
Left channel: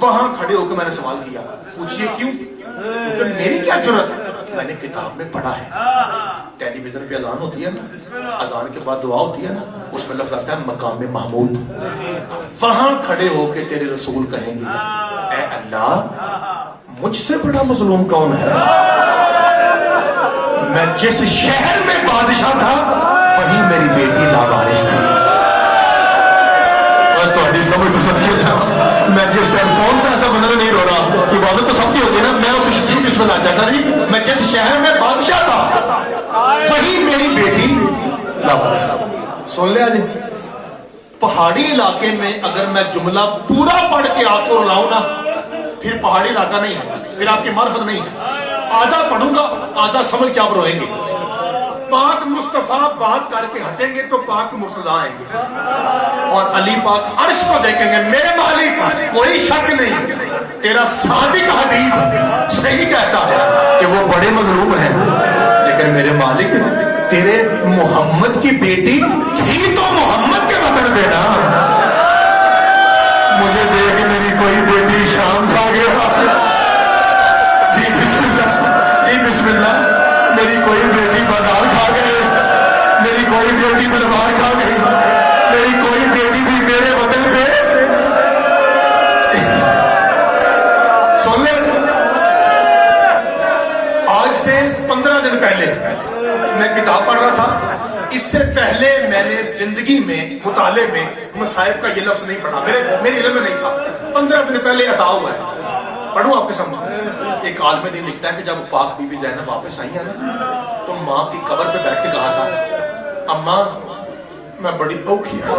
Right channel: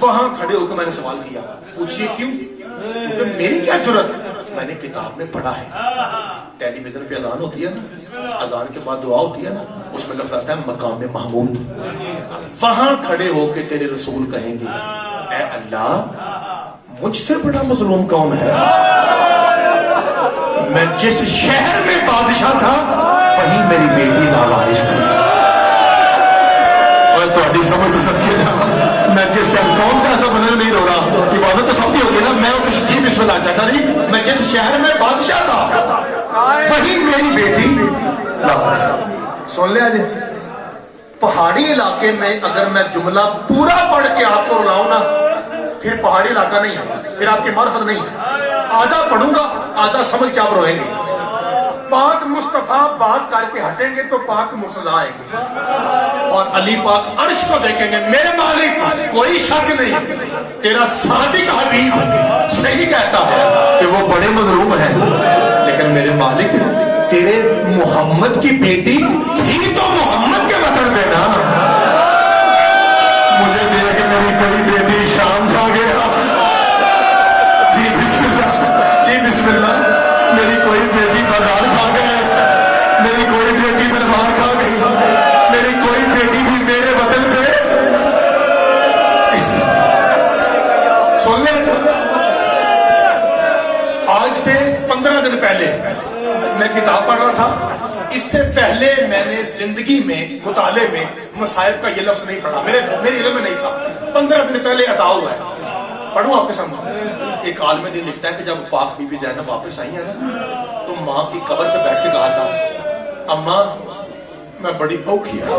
وہاں کھڑے ہو کے میں نے سوال کیا، پوچھئے کیوں؟ کیونکہ میری کیا جرت، میں نے کتاب میں پڑھا ہے ٹیلی ویژن پہ اذان ہوتی ہے نا، اذان کے بعد دعا ہوتی ہے نا، اس میں لفظ آتا ہے مقام محمود. وہاں کھڑے ہو کے تیرے رسول کہیں گے اے اللہ مجھ سے بڑا مظلوم کون ہے؟ میں جس شہر میں بادشاہ تھا وہیں میری بیٹی لاوارث تھی. میں تھوڑی سمجھ تو سب تھا، میں جس شہر کون سا ایسا بندہ نہیں رو رہا، عبادت تو سب کی ہوتی ہے نا. میں اس جی بسم اللہ چاہتا نہیں، میں جس شہر میں بادشاہ تھا وہیں میری بیٹی لاوارث تھی. سن لیا جی. پہاڑی علاقے میں اگر میں جملہ پورا پڑھ کے آپ کو رلاؤں نا پھر پہاڑی علاقہ نہیں ہے، پھر آپ کی معرفت نہیں ہے. آدھا پڑھوں گا آدھا سمجھ کے آپ روئیں گے. پاک مصطفیٰ بات کر کے ہٹیں گے تو پاک مرتضیٰ آئیں گے اور علی پاک عرش کو دیکھیں گے میرے مالک کوئی شک نہیں تیرا صادق حبیب صحیح کہتا ہے کہ وہ بڑے مظلوم ہیں، لیکن میرے مالک تیرے محمد کی بیٹی تھی تو محمد کے وطن پہ نا. مجھے دیکھ میری کوئی بیٹی شام جا گیا. جی بسم اللہ، جی بسم اللہ، میری کوئی بیٹی بازار کھا گئی، میری کوئی بیٹی دربار کھا گئی، میری کوئی بیٹی بھی میرے وطن پہ. سن لیں، آج سے 15 دن پہلے میں کتاب پڑھ رہا تھا. اس سے پہلے میں نے زندگی میں مطالعے میں مصائب کا یہ لفظ نہیں پڑھا، میرے علم میں نہیں تھا. 15 دن پہلے عطا ہوا ہے. پڑھوں آپ کے سامنے ایک ایک عالم دین لکھتا ہے کہ جب پاک بی بی زینب واپس آئی ہیں نا تو ماں کی قبر پہ بیٹھ کے کہا تھا اماں میں بڑی اوکھی ہوں.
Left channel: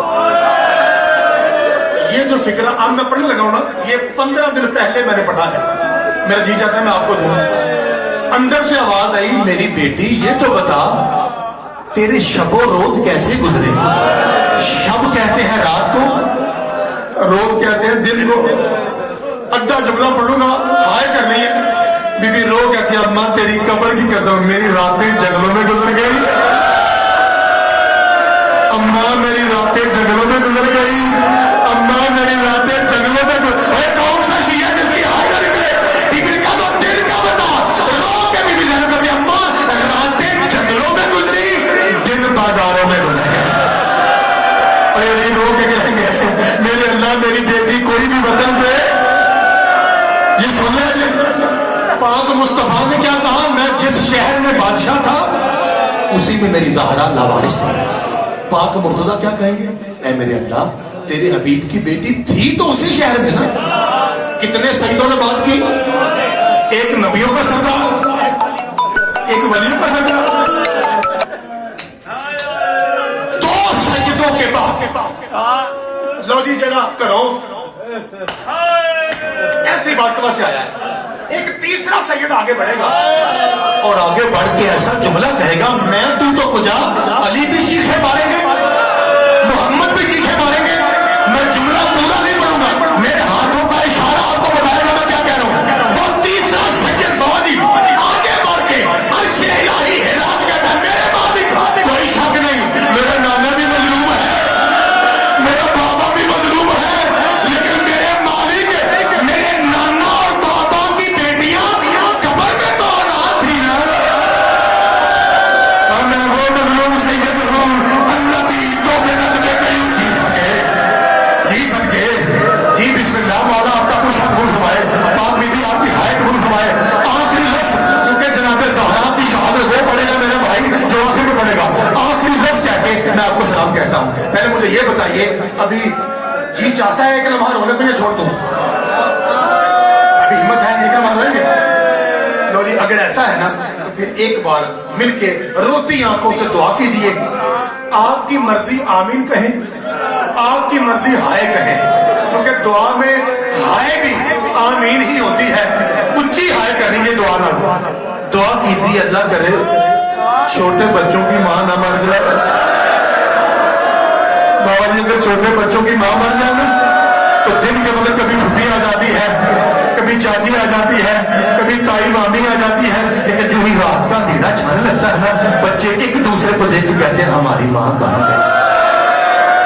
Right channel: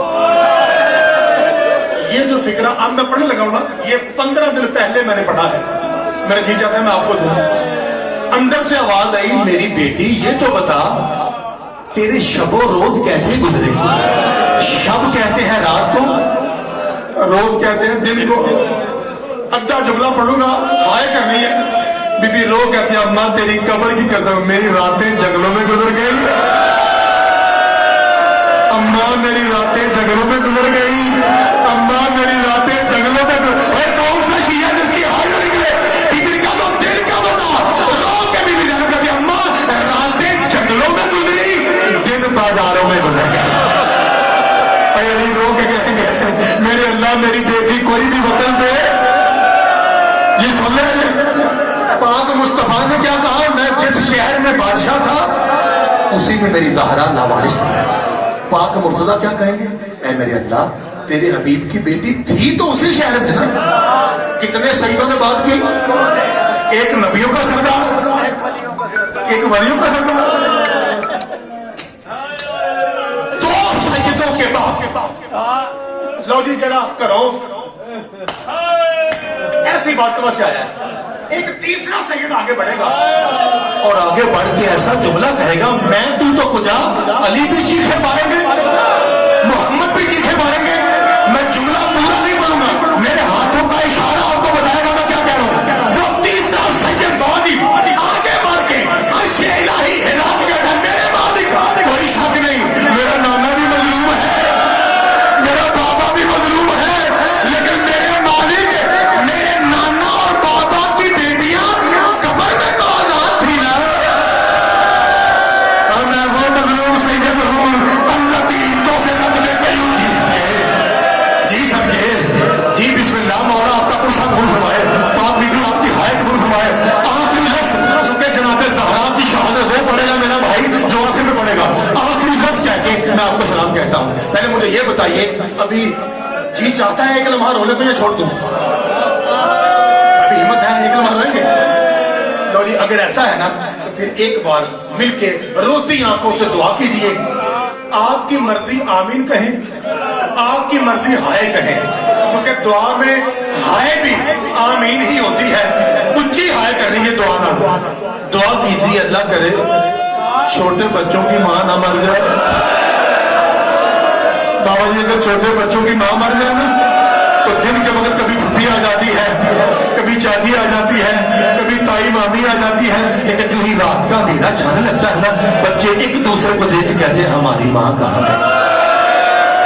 یہ جو فکرہ اب میں پڑھنے لگا ہوں نا یہ 15 دن پہلے میں نے پڑھا ہے. میرا جی چاہتا ہے میں آپ کو دوں. اندر سے آواز آئی میری بیٹی یہ تو بتا تیرے شب و روز کیسے گزرے. شب کہتے ہیں رات کو, روز کہتے ہیں دن کو. اڈا جملہ پڑھوں گا ہائے کرنی ہے. بی بی رو کہتی ہے اماں تیری قبر کی قسم میری راتیں جنگلوں میں گزر گئی. اماں میری راتیں جنگلوں میں گزر گئی. اماں میری راتیں جنگلوں میں کون سا شیعہ جس کی ہائے نہ نکلے. بی بی کا تو دل کا بتا رو کے بی بی زینب کہتی اماں راتیں جنگلوں میں گزری دن بازاروں میں گزر گئے. رو کے کہیں گے میرے اللہ میری بیٹی کوئی بھی وطن دے. یہ سمجھ لیں پاک مصطفیٰ نے کیا کہا میں جس شہر میں بادشاہ تھا اسی میں میری زہرا لاوارث تھی. پاک مرتضیٰ کیا کہیں گے اے میرے اللہ تیرے حبیب کی بیٹی تھی تو اسی شہر میں نا. کتنے سیدوں نے بات کی, ایک نبیوں کا سردار ایک ولیوں کا سردار, دو سیدوں کے بعد لو جی جنا کرو ایسی بات کہاں سے آیا ہے. ایک تیسرا سید آگے بڑھے گا اور آگے بڑھ کے ایسا جملہ کہے گا میں تو کجا علی بھی چیخے ماریں گے محمد بھی چیخے ماریں گے. میں جملہ پورا نہیں پڑھوں گا میرے ہاتھوں کا اشارہ اور تو بتائے گا میں کیا کہہ رہا ہوں. وہ تیسرا سید بوادی آگے بڑھ کے عرش الہی ہلا کے کہتا ہے میرے مالک کوئی شک نہیں میرا نانا بھی مظلوم ہے میرا بابا بھی مظلوم ہے لیکن میرے مالک میرے نانا اور بابا کی بیٹیاں قبر میں تو آزاد تھی نا. اور میں وہ مظلوم سید ہوں اللہ کی عیدوں سے بدلے گئی جی سب کے جی بسم اللہ مولا آپ کا کچھ سب بھول سمائے پاک بی بی آپ کی ہائٹ بھول سمائے. آخری لفظ چونکہ جناب زہرا کی شہادت وہ پڑھے گا میرا بھائی جو آخر میں پڑھے گا. آخری لفظ کہہ کے میں آپ کو سلام کہتا ہوں. پہلے مجھے یہ بتائیے ابھی جی چاہتا ہے ایک لمحہ رونے کو یہ چھوڑ دوں ابھی ہمت ہے ایک لمحہ روئیں گے لو جی. اگر ایسا ہے نا تو پھر ایک بار مل کے روتی آنکھوں سے دعا کیجئے. آپ کی مرضی آمین کہیں آپ کی مرضی ہائے کہیں چونکہ دعا میں ہائے بھی آمین ہی ہوتی ہے. اونچی ہائے کرنی ہے دعا نہ دعا کیجیے اللہ کرے چھوٹے بچوں کی ماں نہ مر جائے. بابا جی اگر چھوٹے بچوں کی ماں مر جائے نا تو دن کے وقت کبھی پھپھی آ جاتی ہے کبھی چاچی آ جاتی ہے کبھی تائی مامی آ جاتی ہے لیکن جو ہی رات کا اندھیرا چھانے لگتا ہے نا بچے ایک دوسرے کو دیکھ کے کہتے ہیں ہماری ماں کہاں گئی.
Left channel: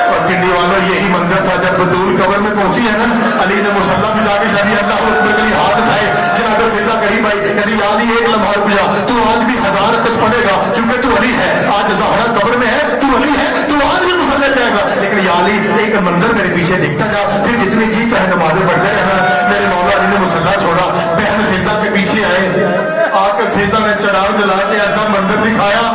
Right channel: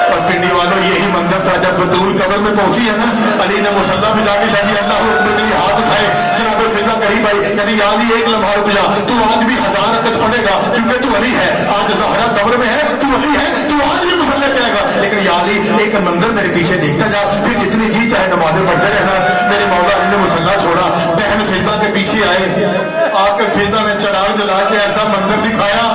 اور پنڈی والوں یہی منظر تھا جب بدول قبر میں پہنچی ہے نا علی نے مسلح میں جا کے شادی اللہ اکبر کے لیے ہاتھ اٹھائے جناب فضا کہیں بھائی یعنی علی ایک لمحہ رک جا تو آج بھی 1000 رکعت پڑھے گا کیونکہ تو علی ہے. آج زہرا قبر میں ہے تو علی ہے تو آج بھی مسلح کرے گا لیکن یا علی ایک منظر میرے پیچھے دیکھتا جا پھر جتنی جی چاہے نمازیں پڑھتے رہنا. میرے مولا علی نے مسلح چھوڑا بہن فضا کے پیچھے آئے آ کے فضا نے چڑھاؤ جلا کے ایسا منظر دکھایا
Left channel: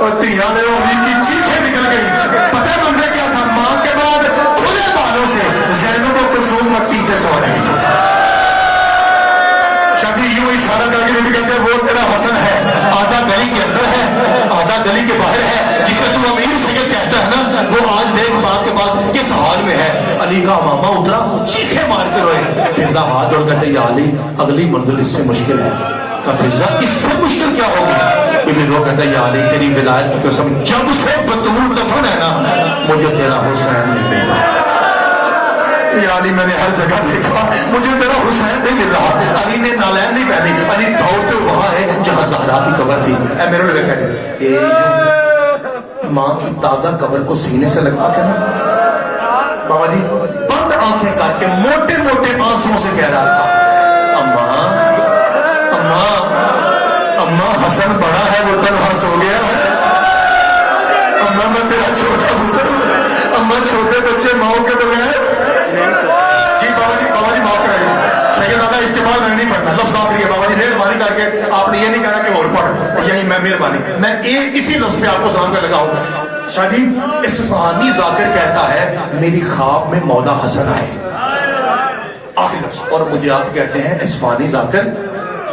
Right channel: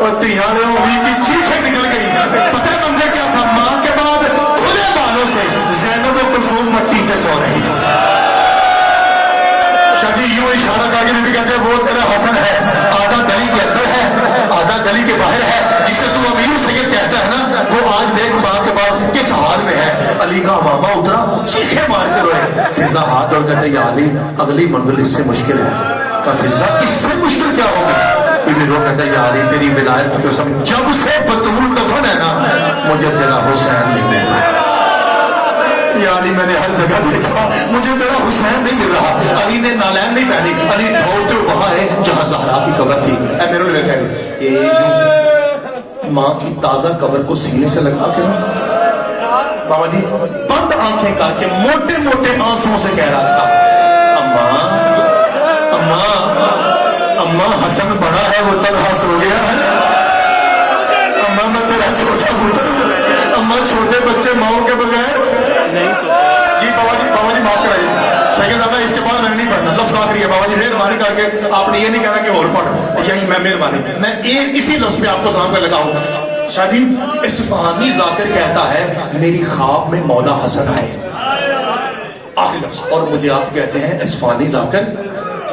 اور تیاں نے علی کی چیخیں نکل گئی. پتہ ہے منظر کیا تھا ماں کے بعد کھلے بالوں سے زینب و کلثوم مٹی پہ سو رہی تھی. شادی یوں اشارہ کر کے بھی کہتے ہیں وہ تیرا حسن ہے آدھا گلی کے اندر ہے آدھا گلی کے باہر ہے جسے تو امیر سید کہتا ہے نا وہ آج دیکھ باپ کے بعد کس حال میں ہے. علی کا ماما اترا چیخے مار کے ہوئے فضا ہاتھ اور کہتے یا علی اگلی منزل اس سے مشکل ہے. کہ فضا اس سے مشکل کیا ہوگا. وہ کہتا ہے یا علی تیری ولایت کی قسم جب سے بطول دفن ہے نا مجھے تیرا حسین نہیں مل رہا. یا علی میں نے ہر جگہ دیکھا مجھے تیرا حسین نہیں مل رہا. علی نے نالین نہیں پہنی علی دوڑتے وہاں ہے جہاں زہرا کی قبر تھی. اے میرے نے دیکھا ماں کی تازہ قبر کو سینے سے لگا کے نا بابا جی بند آنکھیں کر کے موٹے موٹے آنسوں سے کہہ رہا تھا اماں حسن بڑا ہے وہ تنہا سو گیا ہے. اماں میں تیرا چھوٹا پتر ہوں. اماں چھوٹے بچے ماؤں کے بغیر جی بابا جی معاف کرائیے سید آگا اس کے بعد نہیں پڑھنا لفظ آخری ہے. بابا جی مہربانی کر کے آپ نے یہ نہیں کہنا کہ اور پڑھ یہی میں مہربانی میں اسی لفظ پہ آپ کو سلام کر لگا ہوں. شادی اصفہانی ذاکر کہتا ہے میری خواب میں مولا حسن آئے آخری لفظ اور مجھے آپ کہتے ہیں اصفہانی ذاکر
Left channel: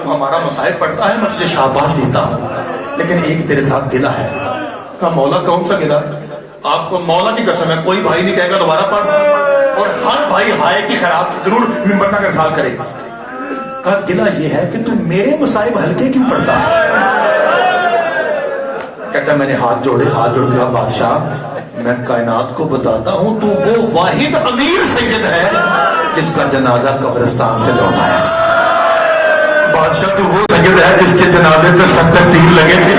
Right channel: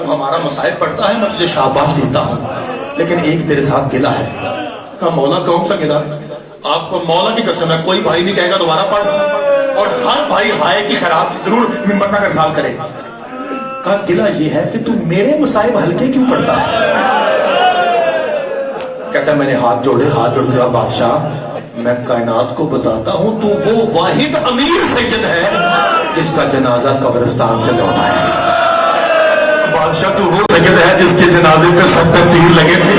تو ہمارا مصائب پڑتا ہے میں تجھے شاباش دیتا ہوں، لیکن ایک تیرے ساتھ گلہ ہے۔ کہا مولا کون سا گلہ؟ آپ کو مولا کی قسم ہے کوئی بھائی نہیں کہے گا دوبارہ پڑھ، اور ہر بھائی ہائے کی خیرات ضرور ممبر میں ارسال کرے۔ کہا گلہ یہ ہے کہ تم میرے مصائب ہلکے کیوں پڑتا ہے؟ کہتا ہے میں نے ہاتھ جوڑے، ہاتھ جوڑ کے بادشاہ میں کائنات کو بتاتا ہوں تو وہ واحد امیر سید ہے جس کا جنازہ قبرستان سے لوٹا ہے۔ بادشاہ تو وہ سید ہے جس کے جنازے پہ 70 تیر لگے تھے۔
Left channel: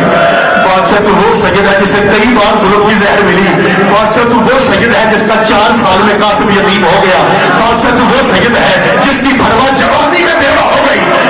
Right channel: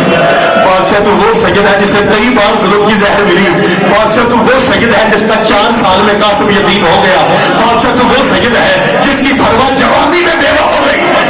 بادشاہ تو وہ سید ہے جسے کئی بار ظلم کی زہر ملی۔ بادشاہ تو وہ سید ہے جس کا 4 سال میں قاسم یتیم ہو گیا۔ بادشاہ تو وہ سید ہے جس کی فرما جوانی میں بیوہ ہو گئی۔